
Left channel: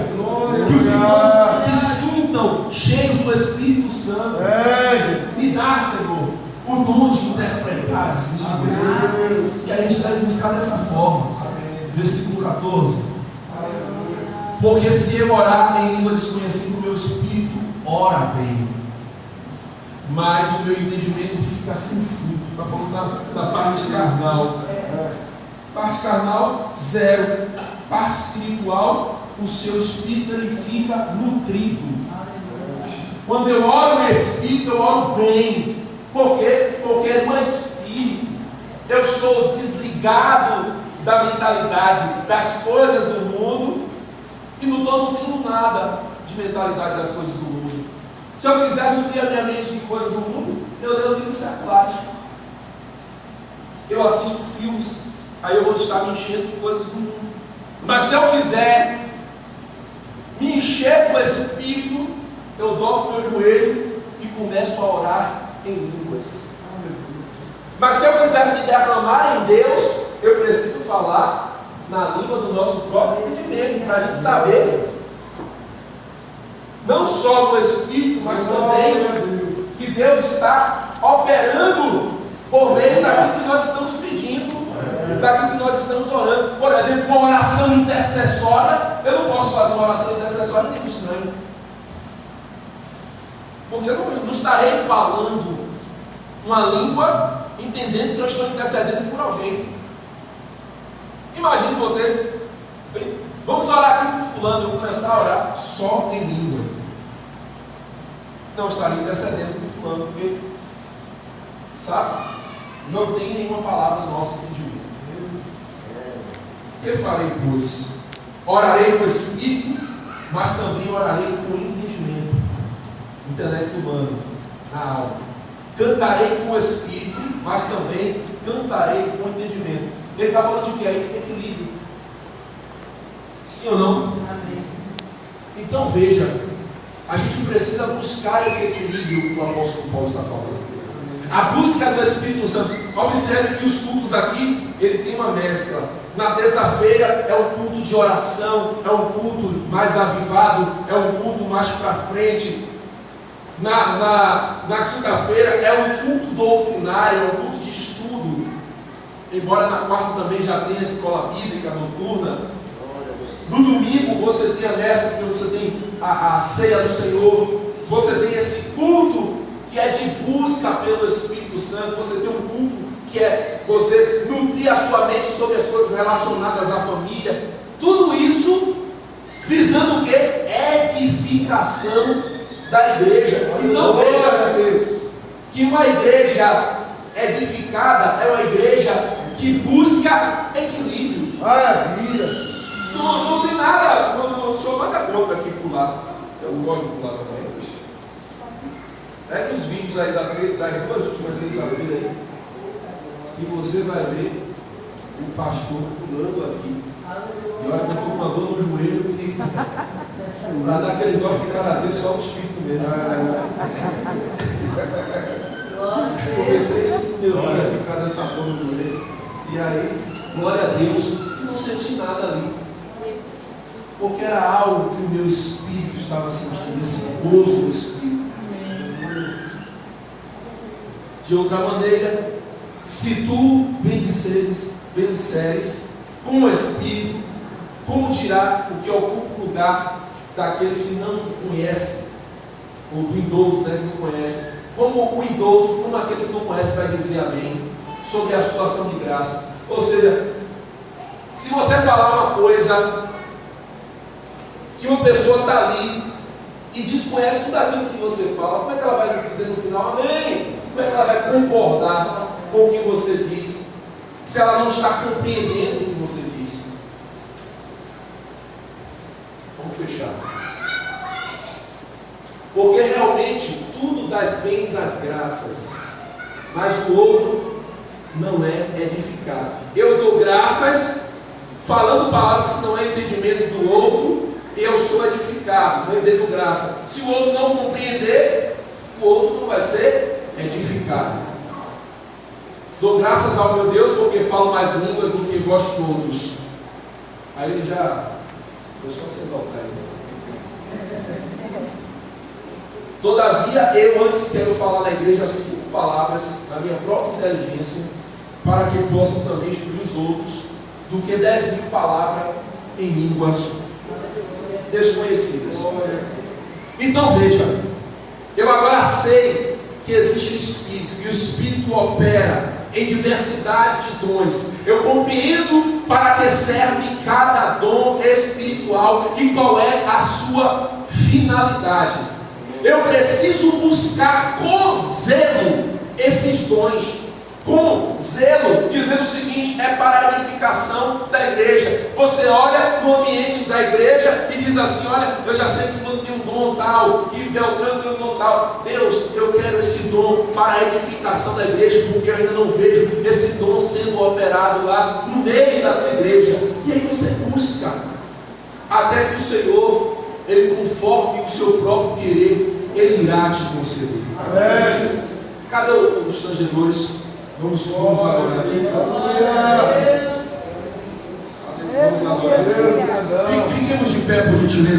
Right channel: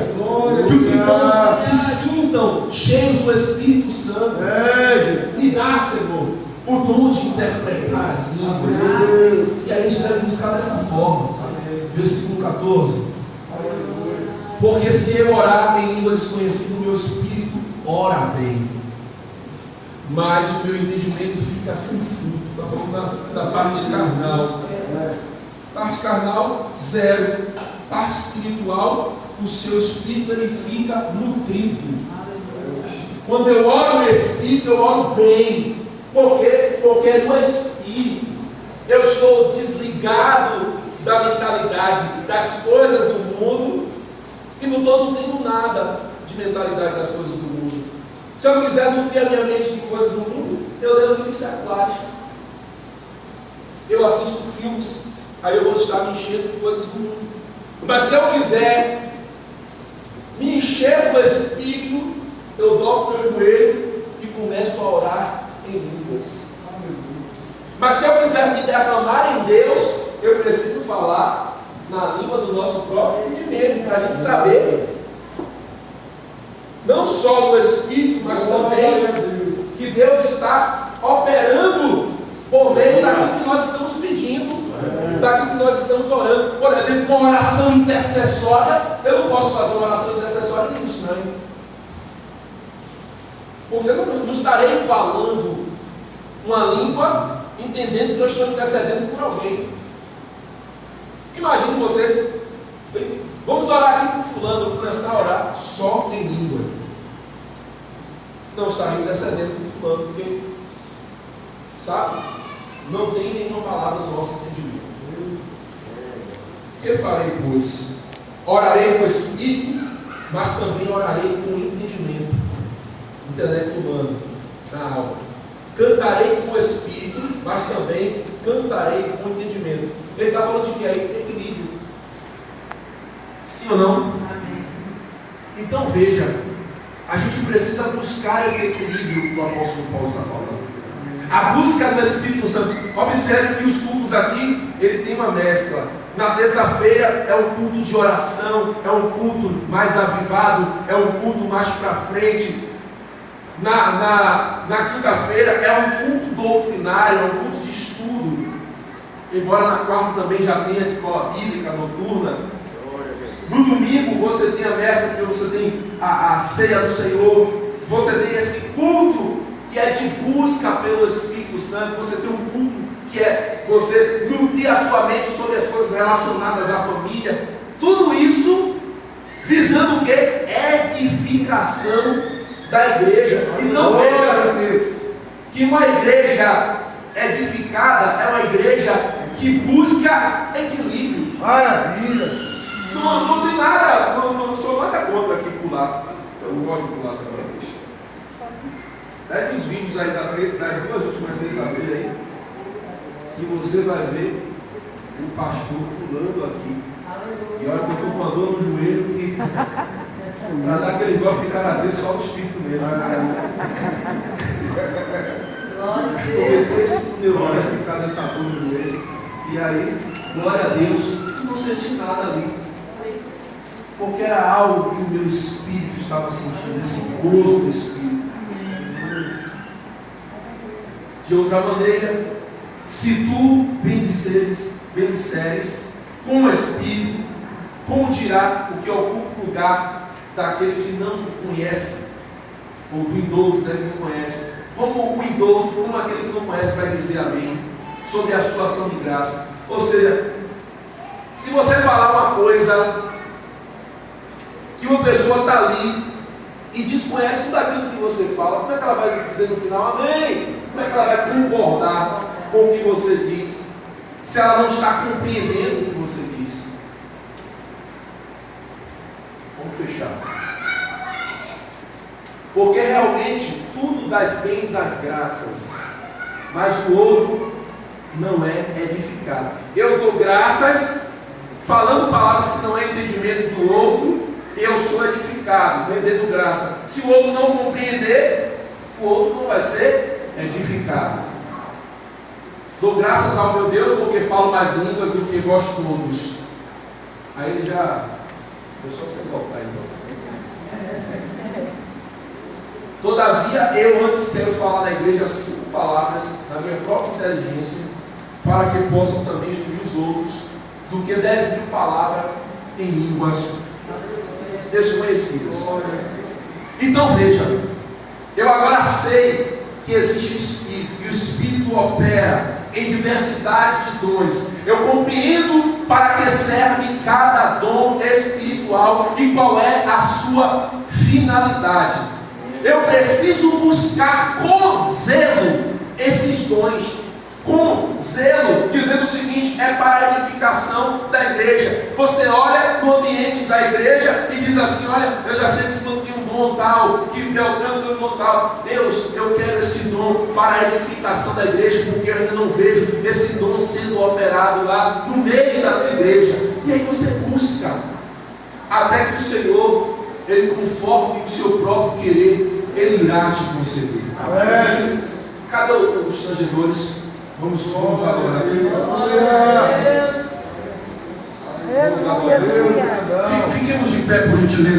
que os irmãos se sintam cheios do Espírito Santo. Me dá, Senhor, o dom de interpretar as línguas. E a gente deve buscar dessa forma. Versículo 14. Porque se eu orar em língua desconhecida, o meu espírito ora bem, mas o meu entendimento fica sem fruto. Está falando da parte carnal. Parte carnal, zero. Parte espiritual, o seu espírito ele fica nutrido. Quando eu oro no espírito, eu oro bem. Por quê? Porque no espírito eu estou desligado da mentalidade das coisas do mundo e não tenho nada de mentalidade das coisas do mundo. Se eu quiser nutrir a minha mente de coisas do mundo, eu leio livros seculares. Eu assisto filmes, aí eu vou estar me enchendo de coisas do mundo. Mas se eu quiser me encher do Espírito, eu dobro meu joelho e começo a orar em línguas. Mas se eu quiser me derramar em Deus, eu preciso falar na língua do nosso próprio entendimento, para a gente saber, não só no Espírito, mas também que Deus está operando por meio daquilo que nós estamos pedindo, daquilo que nós estamos orando. Por exemplo, uma oração intercessória, eu não posso fazer uma oração intercessória nem estranho, porque eu não estarei falando uma língua entendendo que eu estou intercedendo por alguém. Imagine vocês, vamos orar aqui com fulano, eu vou começar a orar só em língua. Não estarei intercedendo por fulano, porque, sabe, não tem nenhuma palavra no nosso entendimento. Que farei, pois? Orarei com o Espírito, mas também orarei com o entendimento, intelecto humano, na alma. Cantarei com o Espírito, mas também cantarei com o entendimento. Ele está falando de que é equilíbrio. Sim ou não? Amém. Então veja, a gente precisa buscar esse equilíbrio que o apóstolo Paulo está falando. A busca do Espírito Santo. Observe que os cultos aqui, ele tem uma mescla. Na terça-feira é um culto de oração, é um culto mais avivado, é um culto mais para frente. Na quinta-feira é um culto doutrinário, é um culto de estudo. Embora na quarta também já tenha a escola bíblica noturna. No domingo você tem a mestra, porque você tem a ceia do Senhor. Você tem esse culto que é de busca pelo Espírito Santo. Você tem um culto que é você nutrir a sua mente sobre as coisas relacionadas à família. Tudo isso visando o que? Edificação da igreja. Então veja, Deus, que uma igreja edificada é uma igreja que busca equilíbrio. Maravilha. Não tem nada, não sou nada contra aqui pular. Eu gosto de pular também. Pega os vídeos aí das duas últimas terça-feira aí, que você vai ver o pastor pulando aqui. E olha que eu estou com a dor no joelho que para dar aquele golpe de karatê só o espírito mesmo. Eu esse meu olho aqui ficar nessa dor no joelho. E aí, glória a Deus, não senti nada ali. Porque era algo que o meu espírito estava sentindo, esse gozo do espírito. De outra maneira, se tu bendiceres com o espírito, como dirá o que ocupa o lugar daquele que não conhece, ou do indouto, né, que não conhece? Como o indouto, como aquele que não conhece, vai dizer amém sobre a sua ação de graça? Ou seja, se você falar uma coisa que uma pessoa está ali e desconhece tudo aquilo que você fala, como é que ela vai dizer no final amém? Como é que ela vai concordar com o que você diz, se ela não está compreendendo o que você diz? Vamos fechar. Porque realmente tudo das bens às graças, mas o outro não é edificado. Eu dou graças, falando palavras que não é entendimento do outro, eu sou edificado, rendendo graça. Se o outro não compreender, o outro não vai ser edificado. Dou graças ao meu Deus porque falo mais línguas do que vós todos. Aí ele já começou a se exaltar. Todavia, eu antes quero falar na igreja 5 palavras na minha própria inteligência, para que possam também instruir os outros, do que 10.000 palavras em línguas desconhecidas. Então veja, eu agora sei que existe o Espírito, e o Espírito opera em diversidade de dons. Eu compreendo para que serve cada dom espiritual e qual é a sua finalidade. Eu preciso buscar com zelo esses dons. Com zelo, dizendo o seguinte: é para a edificação da igreja. Você olha no ambiente da igreja e diz assim: olha, eu já sei que fulano tem um dom tal, que Beltrano tem um dom tal. Deus, eu quero esse dom para a edificação da igreja, porque eu ainda não vejo esse dom sendo operado lá no meio da tua igreja. E aí você busca, até que o Senhor, Ele, conforme o seu próprio querer, Ele irá te conceder. Amém. Cadê os tangedores? Vamos adorar aqui. Vamos adorar. Fiquemos de pé, por gentileza.